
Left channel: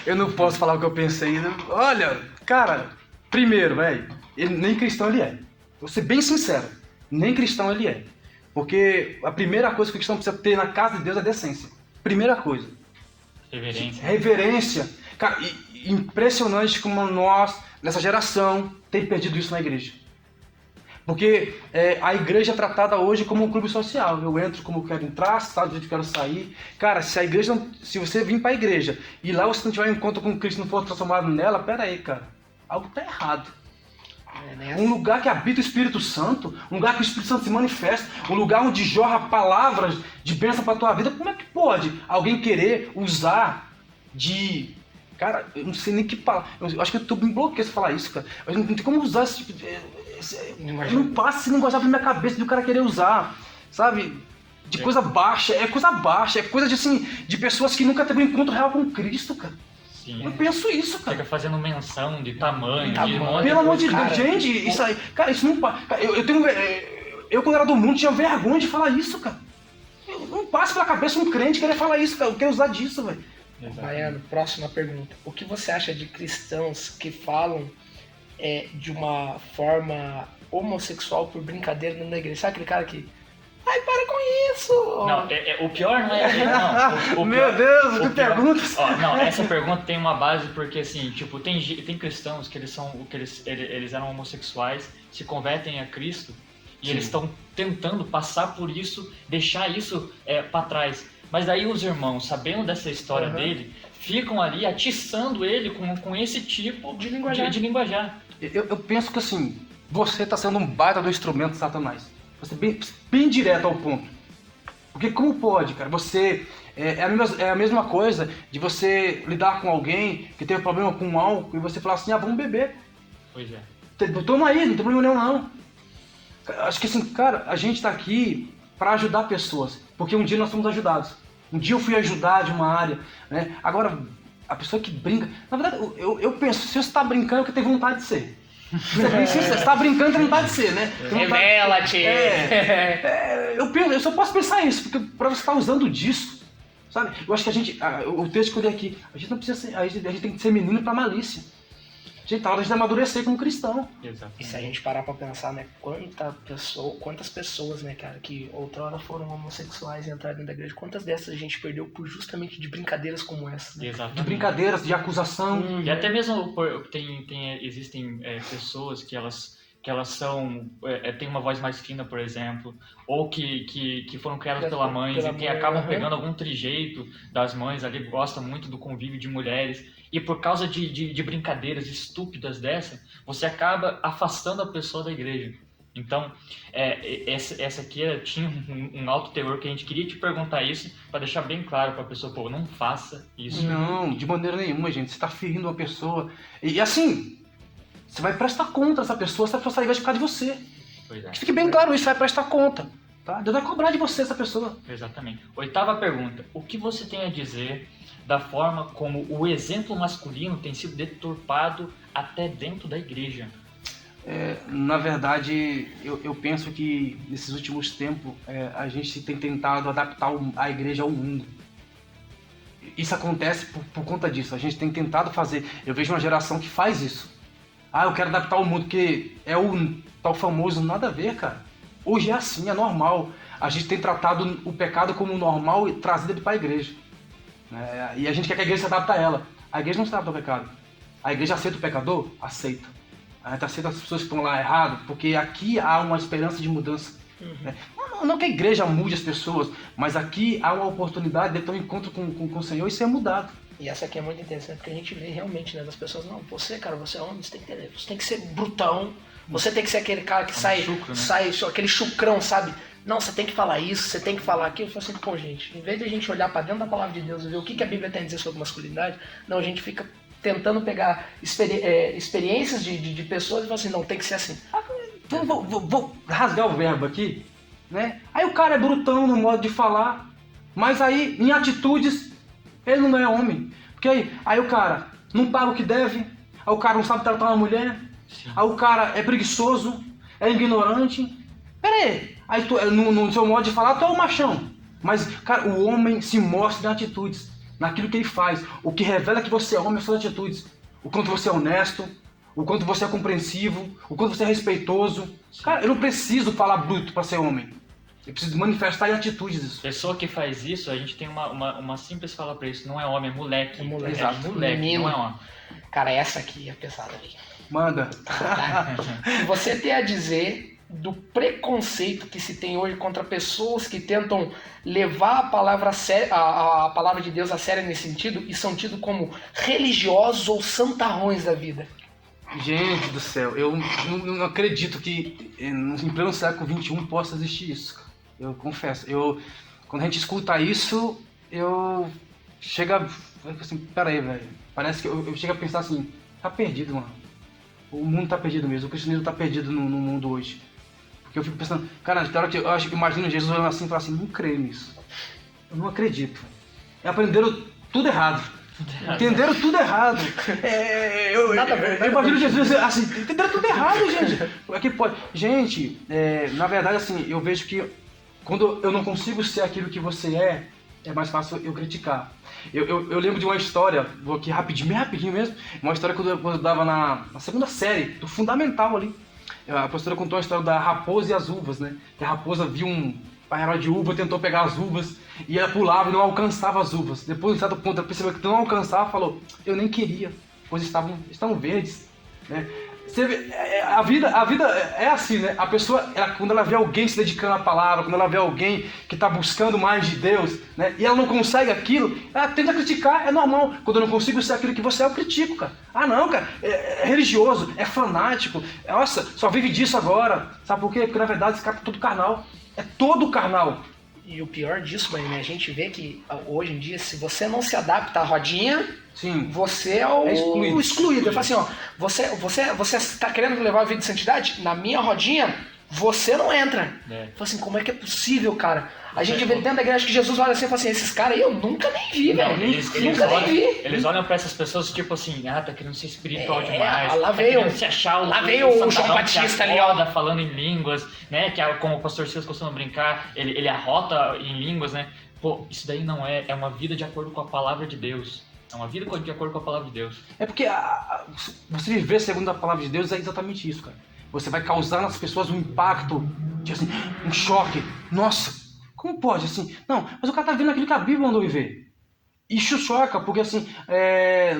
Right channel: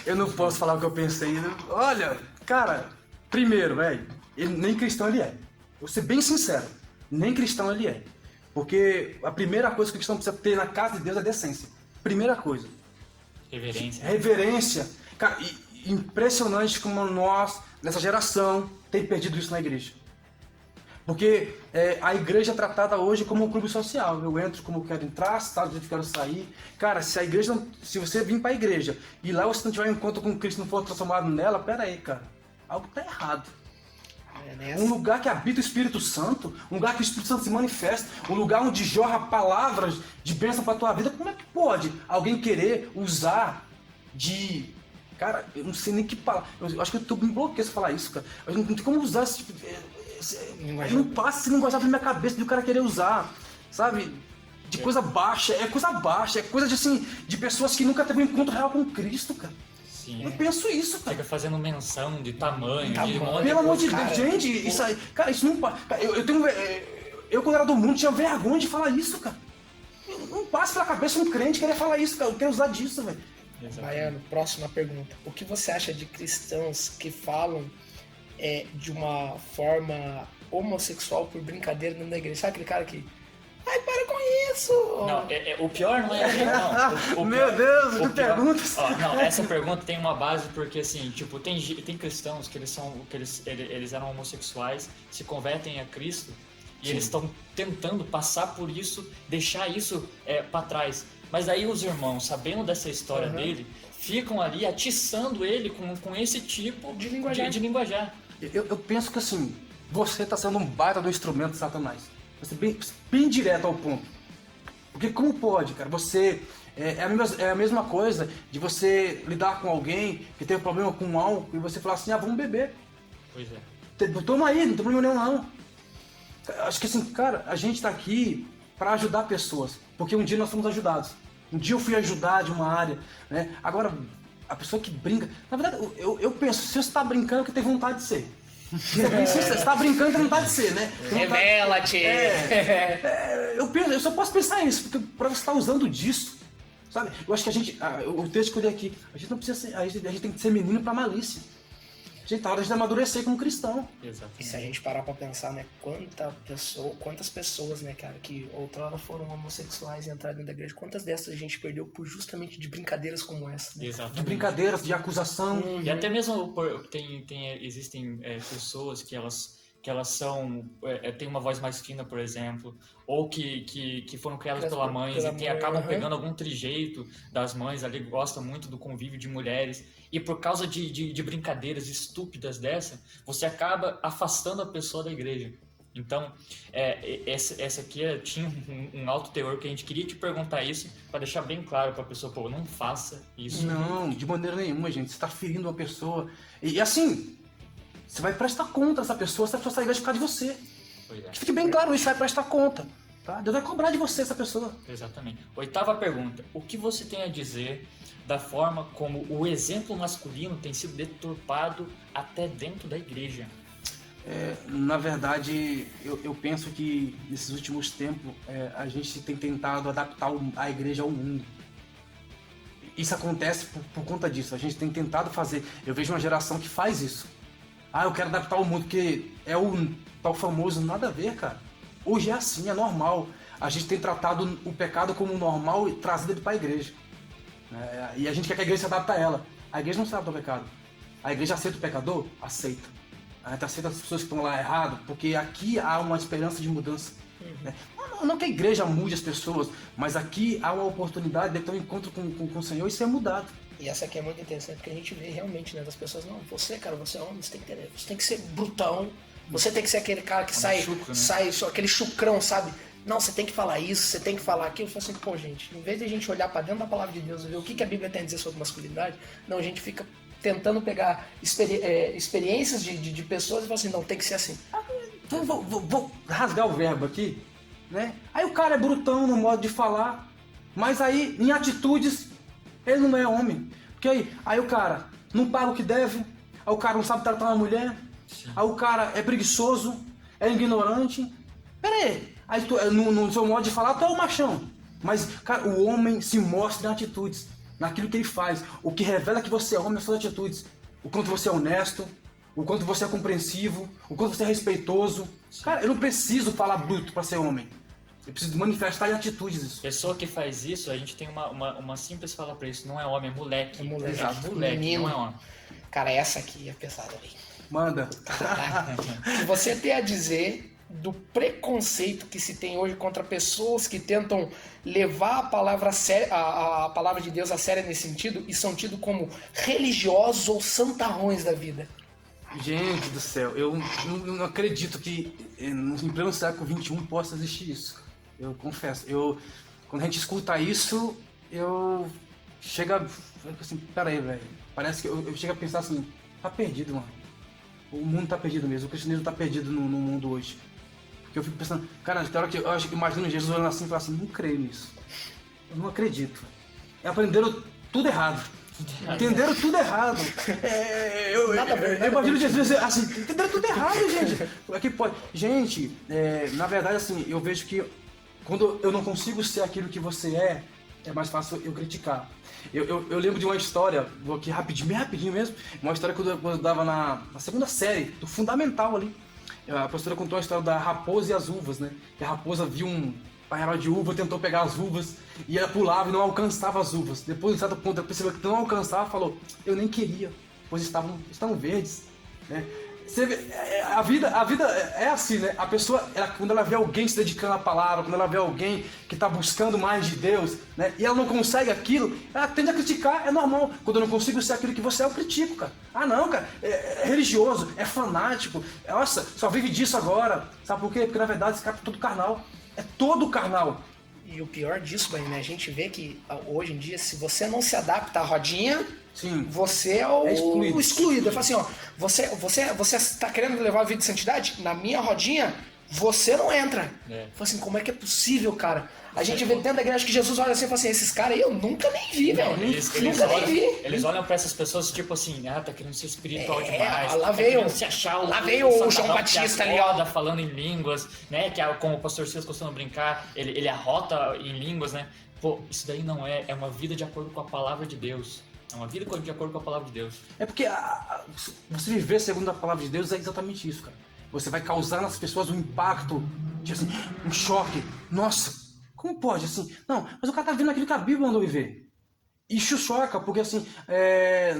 Eu não posso falar o que eu pensei. Olha, cara, primeiro, velho, nem cristão ele é. Vou ser bem sincero, nem cristão ele é. Porque a primeira coisa que o cristão precisa ter na casa de Deus é decência. Primeira coisa. Reverência. Cara, impressionante como nós, nessa geração, tem perdido isso na igreja. Porque a igreja é tratada hoje como um clube social. Eu entro como eu quero entrar, saio de onde eu quero sair. Cara, se você vir pra igreja e lá você não tiver um encontro com Cristo e não for transformado nela, pera aí, cara. Algo tá errado. Um lugar que habita o Espírito Santo, um lugar que o Espírito Santo se manifesta, um lugar onde jorra palavras de bênção pra tua vida. Como é que pode alguém querer usar de... Cara, eu não sei nem que palavra... Eu acho que eu tô me bloqueando se falar isso, cara. Eu não tem como usar esse tipo de... Não passa esse linguajar na minha cabeça de o cara querer usar, sabe? De coisa baixa, é coisa de assim, de pessoas que nunca teve um encontro real com Cristo, cara. Sim. Eu penso isso, cara. Fica fazendo menção de tamanho, de monte. Pelo amor de Deus, gente, isso aí, cara, isso não passa. Eu quando era do mundo tinha vergonha de falar isso, cara. Não passa pela cabeça um crente querer falar isso, cara. Eu quero usar disso, velho. Baiano, próxima pergunta. O que você acha de cristãos que falam de uma forma homossexual por brincadeira na igreja? Sabe aquele cara que... Ai, para com isso! Não, o pior não é... Não, Meu Deus, que perguntas! Não, essa pergunta tem uma base porque, assim, tipo, tem cristãos que eles eram homossexuais, se convertem a Cristo e eles estão tentando passar por isso, deixar isso pra trás. Mas aí os irmãos, sabendo dessa história dele, ficam ali atiçando ele com esse tipo de linguajar. Eu penso que assim, você está sendo um baita do instrumento de Satanás. Você bem direto ao ponto. Porque como pode, cara? Você... É a mesma coisa de você lidar com alguém que tem um problema com álcool e você falar assim, vamos beber. Pois é. Toma aí, não tem problema nenhum não. Acho que assim, cara, a gente tá aqui para ajudar pessoas. Porque um dia nós fomos ajudados. Um dia eu fui ajudar de uma área, né? Agora, a pessoa que brinca... Na verdade, eu penso, se você tá brincando é porque tem vontade de ser. Se você tá brincando, tem vontade de ser, né? Revela-te! Eu só posso pensar isso, porque pra você estar usando disso, sabe? Eu acho que a gente... o texto que eu dei aqui, a gente não precisa ser... A gente tem que ser menino pra malícia. Gente, tá hora de amadurecer como cristão. Exatamente. E se a gente parar pra pensar, né, quantas pessoas, né, cara, que outrora foram homossexuais e entraram dentro da igreja, quantas dessas a gente perdeu por justamente de brincadeiras como essa, né? Exatamente. De brincadeiras, de acusação. E até mesmo existem pessoas que elas são têm uma voz mais fina, por exemplo, ou que foram criadas pela mãe e que acabam pegando algum trejeito das mães ali, gostam muito do convívio de mulheres. E por causa de brincadeiras estúpidas dessa, você acaba afastando a pessoa da igreja. Então, essa aqui tinha um alto teor que a gente queria te perguntar isso, para deixar bem claro para a pessoa, pô, não faça isso. Não, de maneira nenhuma, gente. Você está ferindo uma pessoa. E assim, você vai prestar conta dessa pessoa, essa pessoa vai ficar de você. Pois é. Que fique bem claro isso, você vai prestar conta. Tá? Deus vai cobrar de você essa pessoa. Exatamente. 8ª pergunta. O que você tem a dizer da forma como o exemplo masculino tem sido deturpado até dentro da igreja? Na verdade, eu penso que nesses últimos tempos a gente tem tentado adaptar a igreja ao mundo. Isso acontece por conta disso. A gente tem tentado fazer. Eu vejo uma geração que faz isso. Eu quero adaptar ao mundo, porque é o tal famoso nada a ver, cara. Hoje é assim, é normal. A gente tem tratado o pecado como normal e trazido ele para a igreja. E a gente quer que a igreja se adapte a ela. A igreja não se adapta ao pecado. A igreja aceita o pecador? Aceita. A gente aceita as pessoas que estão lá errado, porque aqui há uma esperança de mudança. Não que a igreja mude as pessoas, mas aqui há uma oportunidade de ter um encontro com o Senhor e ser mudado. E essa aqui é muito interessante, porque a gente vê realmente, né, das pessoas, não, você, cara, você é homem, você tem que ser brutão, você tem que ser aquele cara que sai, aquele chucrão, sabe? Não, você tem que falar isso, você tem que falar aquilo. Eu falo assim, pô, gente, em vez de a gente olhar pra dentro da palavra de Deus e ver o que a Bíblia tem a dizer sobre masculinidade, não, a gente fica tentando pegar experiências de pessoas e falar assim, não, tem que ser assim. Então vou rasgar o verbo aqui, né? Aí o cara é brutão no modo de falar, mas aí em atitudes ele não é homem. Porque aí o cara não paga o que deve, aí o cara não sabe tratar uma mulher, aí o cara é preguiçoso, é ignorante. Pera aí tu, no seu modo de falar tu é o machão. Mas, cara, o homem se mostra em atitudes, naquilo que ele faz. O que revela que você é homem são as atitudes. O quanto você é honesto, o quanto você é compreensivo, o quanto você é respeitoso. Cara, eu não preciso falar bruto pra ser homem. Eu preciso manifestar em atitudes isso. Pessoa que faz isso, a gente tem uma simples fala pra isso. Não é homem, é moleque. É moleque. É moleque, Menino. não é homem. Cara, essa aqui é pesada ali. Manda. Você tem a dizer do preconceito que se tem hoje contra pessoas que tentam levar a palavra de Deus a sério nesse sentido e são tidos como religiosos ou santarrões da vida. Gente do céu, eu não acredito que em pleno século XXI possa existir isso. Eu confesso. Quando a gente escuta isso, eu chego assim, peraí, velho. Parece que eu chego a pensar assim, tá perdido, mano. O mundo tá perdido mesmo, o cristianismo tá perdido no mundo hoje. Porque eu fico pensando, cara, na hora que eu imagino Jesus olhando assim e falando assim, não creio nisso. Eu não acredito. Aprenderam tudo errado. Entenderam tudo errado. Eu imagino Jesus assim, entenderam tudo errado, gente. É que pode. Gente, na verdade, assim, eu vejo que quando eu não consigo ser aquilo que você é mais fácil eu criticar. Eu lembro de uma história, vou aqui rapidinho mesmo, uma história quando eu dava na segunda série, do fundamental ali. A professora contou a história da raposa e as uvas, né? Que a raposa viu um painel de uva, tentou pegar as uvas e ela pulava e não alcançava as uvas. Depois, de certo ponto, ela percebeu que não alcançava e falou, eu nem queria, pois estavam verdes, né? Você vê, a vida é assim, né? A pessoa, quando ela vê alguém se dedicando à palavra, quando ela vê alguém que está buscando mais de Deus, né? E ela não consegue aquilo, ela tende a criticar, é normal. Quando eu não consigo ser aquilo que você é, eu critico, cara. Ah, não, cara, é religioso, é fanático, nossa, só vive disso agora. Sabe por quê? Porque na verdade esse cara é todo carnal. É todo carnal. E o pior disso, né? A gente vê que hoje em dia, se você não se adapta à rodinha, sim, você é o excluído. Eu falo assim, ó, você tá querendo levar a vida de santidade? Na minha rodinha, você não entra. Fala assim, como é que é possível, cara? A gente vê dentro da igreja que Jesus olha assim e fala assim, esses caras aí eu nunca nem vi, velho. Eles olham pra essas pessoas tipo assim, tá querendo ser espiritual demais. Lá veio, se achar lá veio o João Batista ali, ó. Falando em línguas, né? Que como o pastor Silas costuma brincar, ele arrota em línguas, né? Pô, isso daí não é uma vida de acordo com a palavra de Deus. É uma vida de acordo com a palavra de Deus. É porque você viver segundo a palavra de Deus é exatamente isso, cara. Você vai causar nas pessoas um impacto, tipo assim, um choque. Nossa, como pode assim? Não, mas o cara tá vendo aquilo que a Bíblia mandou viver. Isso choca, porque assim,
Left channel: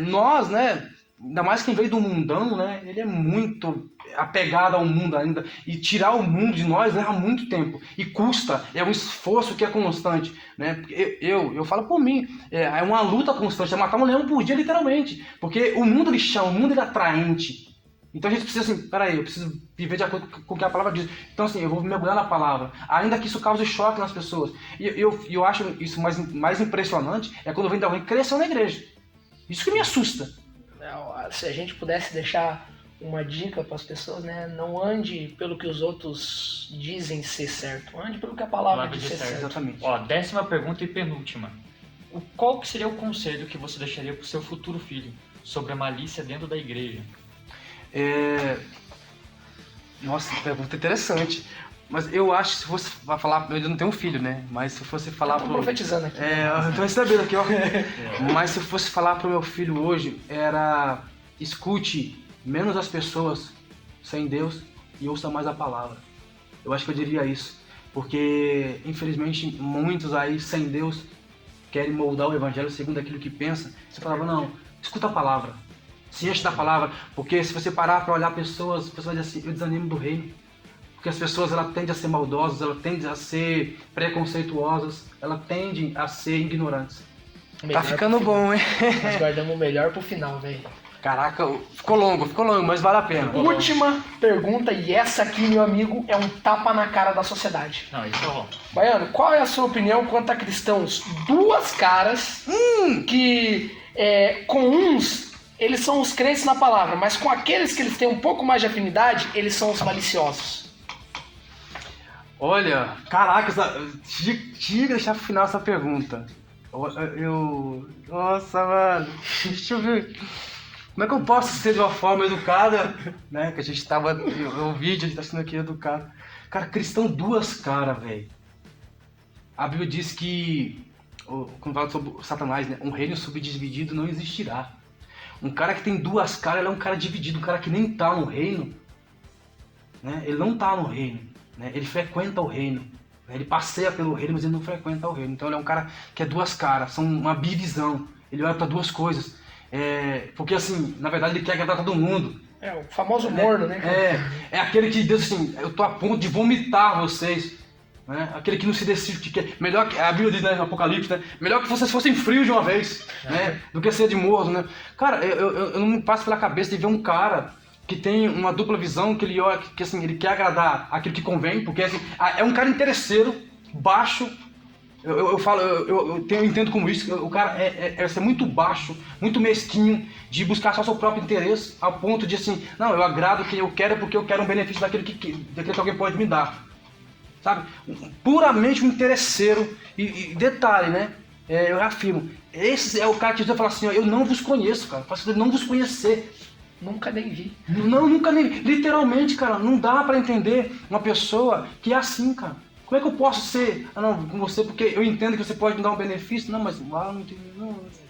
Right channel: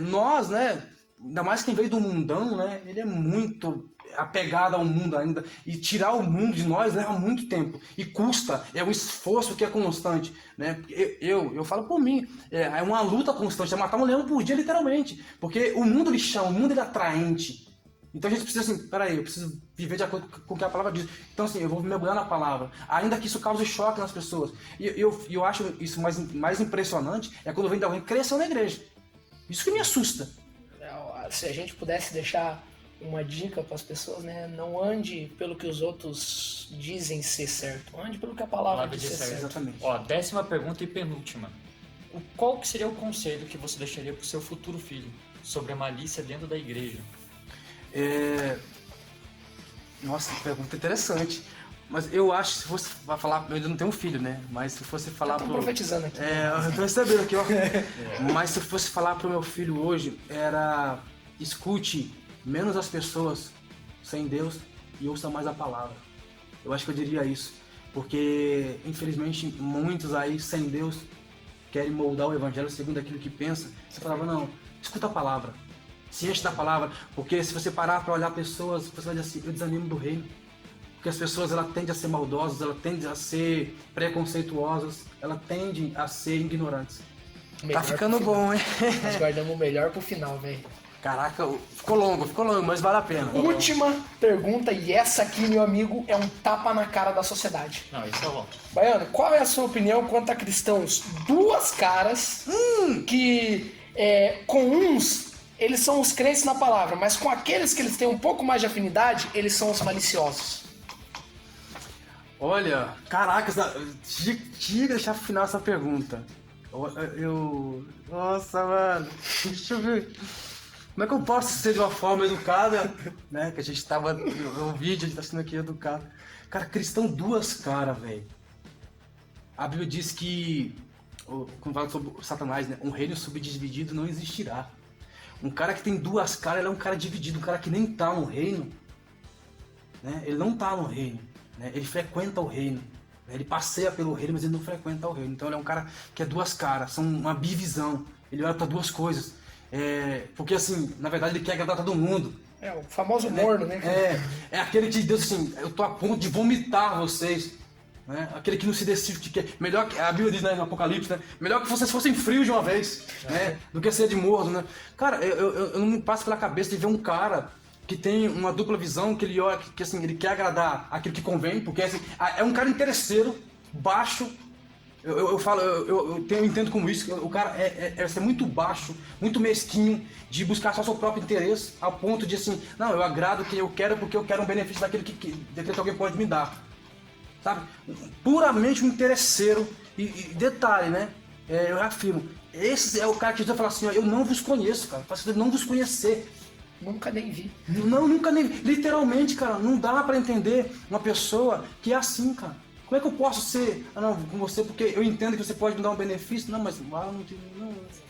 nós, né, ainda mais quem veio do mundão, né, ele é muito apegado ao mundo ainda. E tirar o mundo de nós leva muito tempo. E custa, é um esforço que é constante, né. Eu falo por mim, é uma luta constante, é matar um leão por dia, literalmente. Porque o mundo ele chama, o mundo ele é atraente. Então a gente precisa assim, peraí, eu preciso viver de acordo com o que a palavra diz. Então assim, eu vou mergulhar na palavra, ainda que isso cause choque nas pessoas. E eu acho isso mais impressionante, é quando vem alguém que cresceu na igreja. Isso que me assusta. Se a gente pudesse deixar uma dica para as pessoas, né? Não ande pelo que os outros dizem ser certo, ande pelo que a palavra diz ser certo. Exatamente. Ó, 10ª pergunta e penúltima. Qual que seria o conselho que você deixaria pro seu futuro filho sobre a malícia dentro da igreja? Nossa, que pergunta interessante. Mas eu acho que se fosse falar, eu não tenho um filho, né? Mas se fosse falar pro... profetizando aqui. Eu tô recebendo aqui, ó. Mas se eu fosse falar pro meu filho hoje, era escute menos as pessoas sem Deus e ouça mais a palavra. Eu acho que eu diria isso. Porque, infelizmente, muitos aí sem Deus querem moldar o evangelho segundo aquilo que pensa. Você falava, não, escuta a palavra. Se enche da palavra, porque se você parar para olhar pessoas, você vai dizer assim, eu desanimo do reino. Porque as pessoas elas tendem a ser maldosas, elas tendem a ser preconceituosas, elas tendem a ser ignorantes. Tá ficando bom, hein? Nós guardamos o melhor pro final, velho. Caraca, ficou longo, mas vale a pena. Última pergunta, e essa aqui, meu amigo, é um tapa na cara da sociedade. Não, isso é bom. Baiano, qual é a sua opinião quanto a cristãos duas caras que com uns eles são os crentes na palavra, mas com aqueles que eles têm um pouco mais de afinidade, eles são os maliciosos? Olha, caraca, tinha que deixar pro final essa pergunta. Nossa, mano, deixa eu ver. Como é que eu posso ser de uma forma educada, né? Que a gente tava no vídeo, a gente tá sendo aqui educado. Cara, cristão duas caras, velho. A Bíblia diz que, quando fala sobre Satanás, né? Um reino subdividido não existirá. Um cara que tem duas caras, ele é um cara dividido, um cara que nem tá no reino, né? Ele não tá no reino, né? Ele frequenta o reino, né? Ele passeia pelo reino, mas ele não frequenta o reino. Então ele é um cara que é duas caras, são uma bivisão. Ele olha para duas coisas, porque assim, na verdade ele quer agradar todo mundo. O famoso morno, né? É aquele que Deus assim, eu tô a ponto de vomitar vocês. Né? Aquele que não se decide, que melhor que a Bíblia diz, né, no Apocalipse, né? Melhor que vocês fossem frios de uma vez, né? Do que ser de morno, né? Cara, eu não me passo pela cabeça de ver um cara que tem uma dupla visão, que ele olha, que assim, ele quer agradar aquilo que convém, porque assim, é um cara interesseiro, baixo. Eu entendo como isso, o cara é ser muito baixo, muito mesquinho, de buscar só seu próprio interesse, ao ponto de assim, não, eu agrado quem eu quero porque eu quero um benefício daquilo que alguém pode me dar. Sabe? Puramente um interesseiro. E detalhe, né? Eu afirmo, esse é o cara que vai falar assim, ó, eu não vos conheço, cara. Faço de não vos conhecer. Nunca nem vi. Não, nunca nem vi. Literalmente, cara, não dá pra entender uma pessoa que é assim, cara. Como é que eu posso ser com você porque eu entendo que você pode me dar um benefício? Não, mas lá não tem.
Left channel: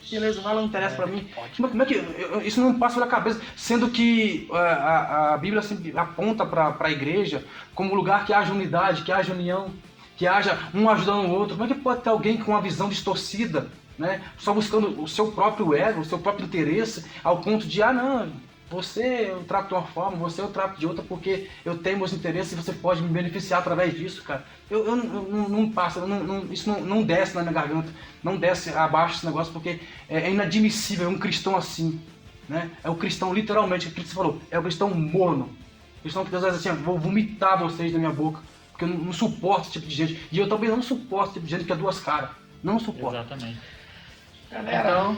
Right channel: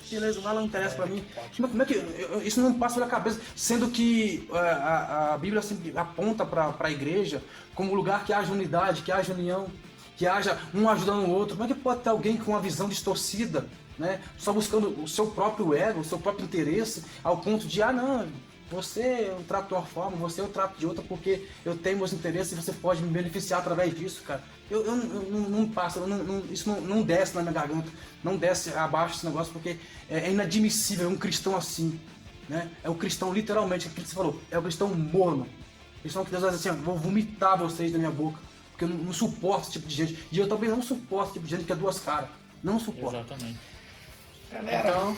Beleza, lá não interessa pra mim. Como é que. Isso não passa pela cabeça. Sendo que a Bíblia sempre aponta pra igreja como lugar que haja unidade, que haja união, que haja um ajudando o outro. Como é que pode ter alguém com uma visão distorcida, né? Só buscando o seu próprio ego, o seu próprio interesse, ao ponto de, não, você eu trato de uma forma, você eu trato de outra porque eu tenho meus interesses e você pode me beneficiar através disso, cara. Eu não passo, isso não desce na minha garganta, não desce abaixo esse negócio porque é inadmissível um cristão assim, né? É o cristão literalmente, aquilo que você falou, é o cristão morno. Cristão que Deus diz assim, vou vomitar vocês da minha boca, porque eu não suporto esse tipo de gente. E eu também não suporto esse tipo de gente que é duas caras. Não suporto. Exatamente. Galera,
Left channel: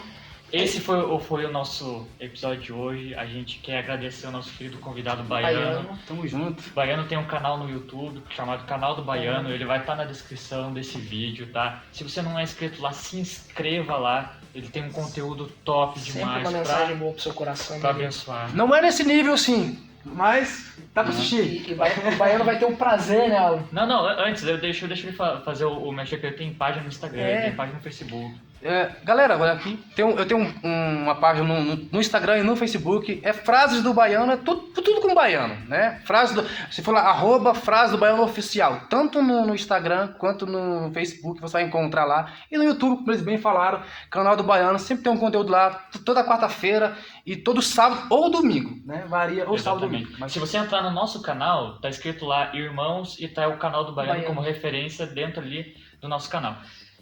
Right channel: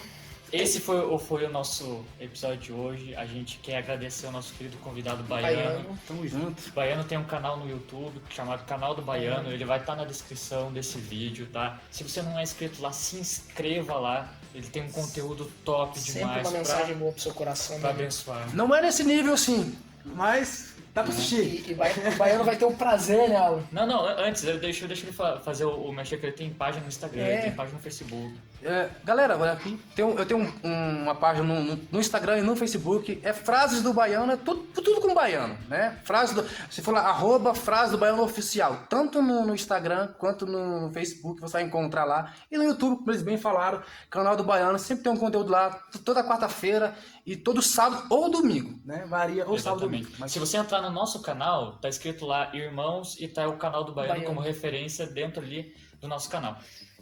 esse foi o nosso episódio de hoje. A gente quer agradecer ao nosso querido convidado Baiano. Tamo junto. O Baiano tem um canal no YouTube chamado Canal do Baiano. Ele vai estar na descrição desse vídeo, tá? Se você não é inscrito lá, se inscreva lá. Ele tem um conteúdo top Sempre demais uma mensagem boa pro seu coração. pra né? abençoar. Não é nesse nível, sim, mas dá pra assistir. E o Baiano vai ter o prazer, né, Alan? Não, antes, deixa ele fazer o mexer, que ele tem página no Instagram, ele tem página no Facebook. Galera, olha aqui, eu tenho uma página no Instagram e no Facebook, Frases do Baiano, é tudo com baiano, né? Se for lá, @Frases do Baiano Oficial, tanto no Instagram quanto no Facebook, você vai encontrar lá. E no YouTube, como eles bem falaram, canal do Baiano, sempre tem um conteúdo lá, toda quarta-feira e todo sábado ou domingo, né? Varia, ou sábado ou domingo. Mas se você entrar no nosso canal, tá escrito lá Irmãos e tá o canal do Baiano como referência dentro ali do nosso canal.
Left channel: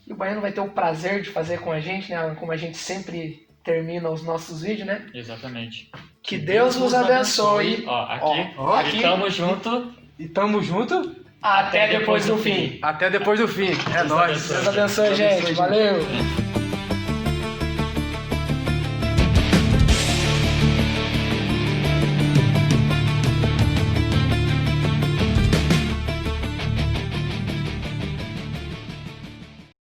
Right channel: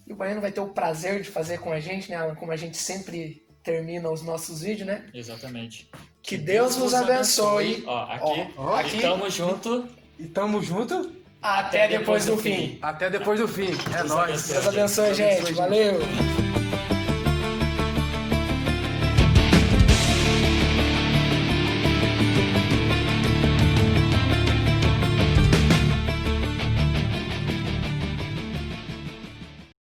E o Baiano vai ter o prazer de fazer com a gente, né, Alan? Como a gente sempre termina os nossos vídeos, né? Exatamente. Que Deus vos abençoe. Ó, aqui tamo junto. E tamo junto Até depois do fim. até depois do fim. É nóis. Deus abençoe, gente. Valeu.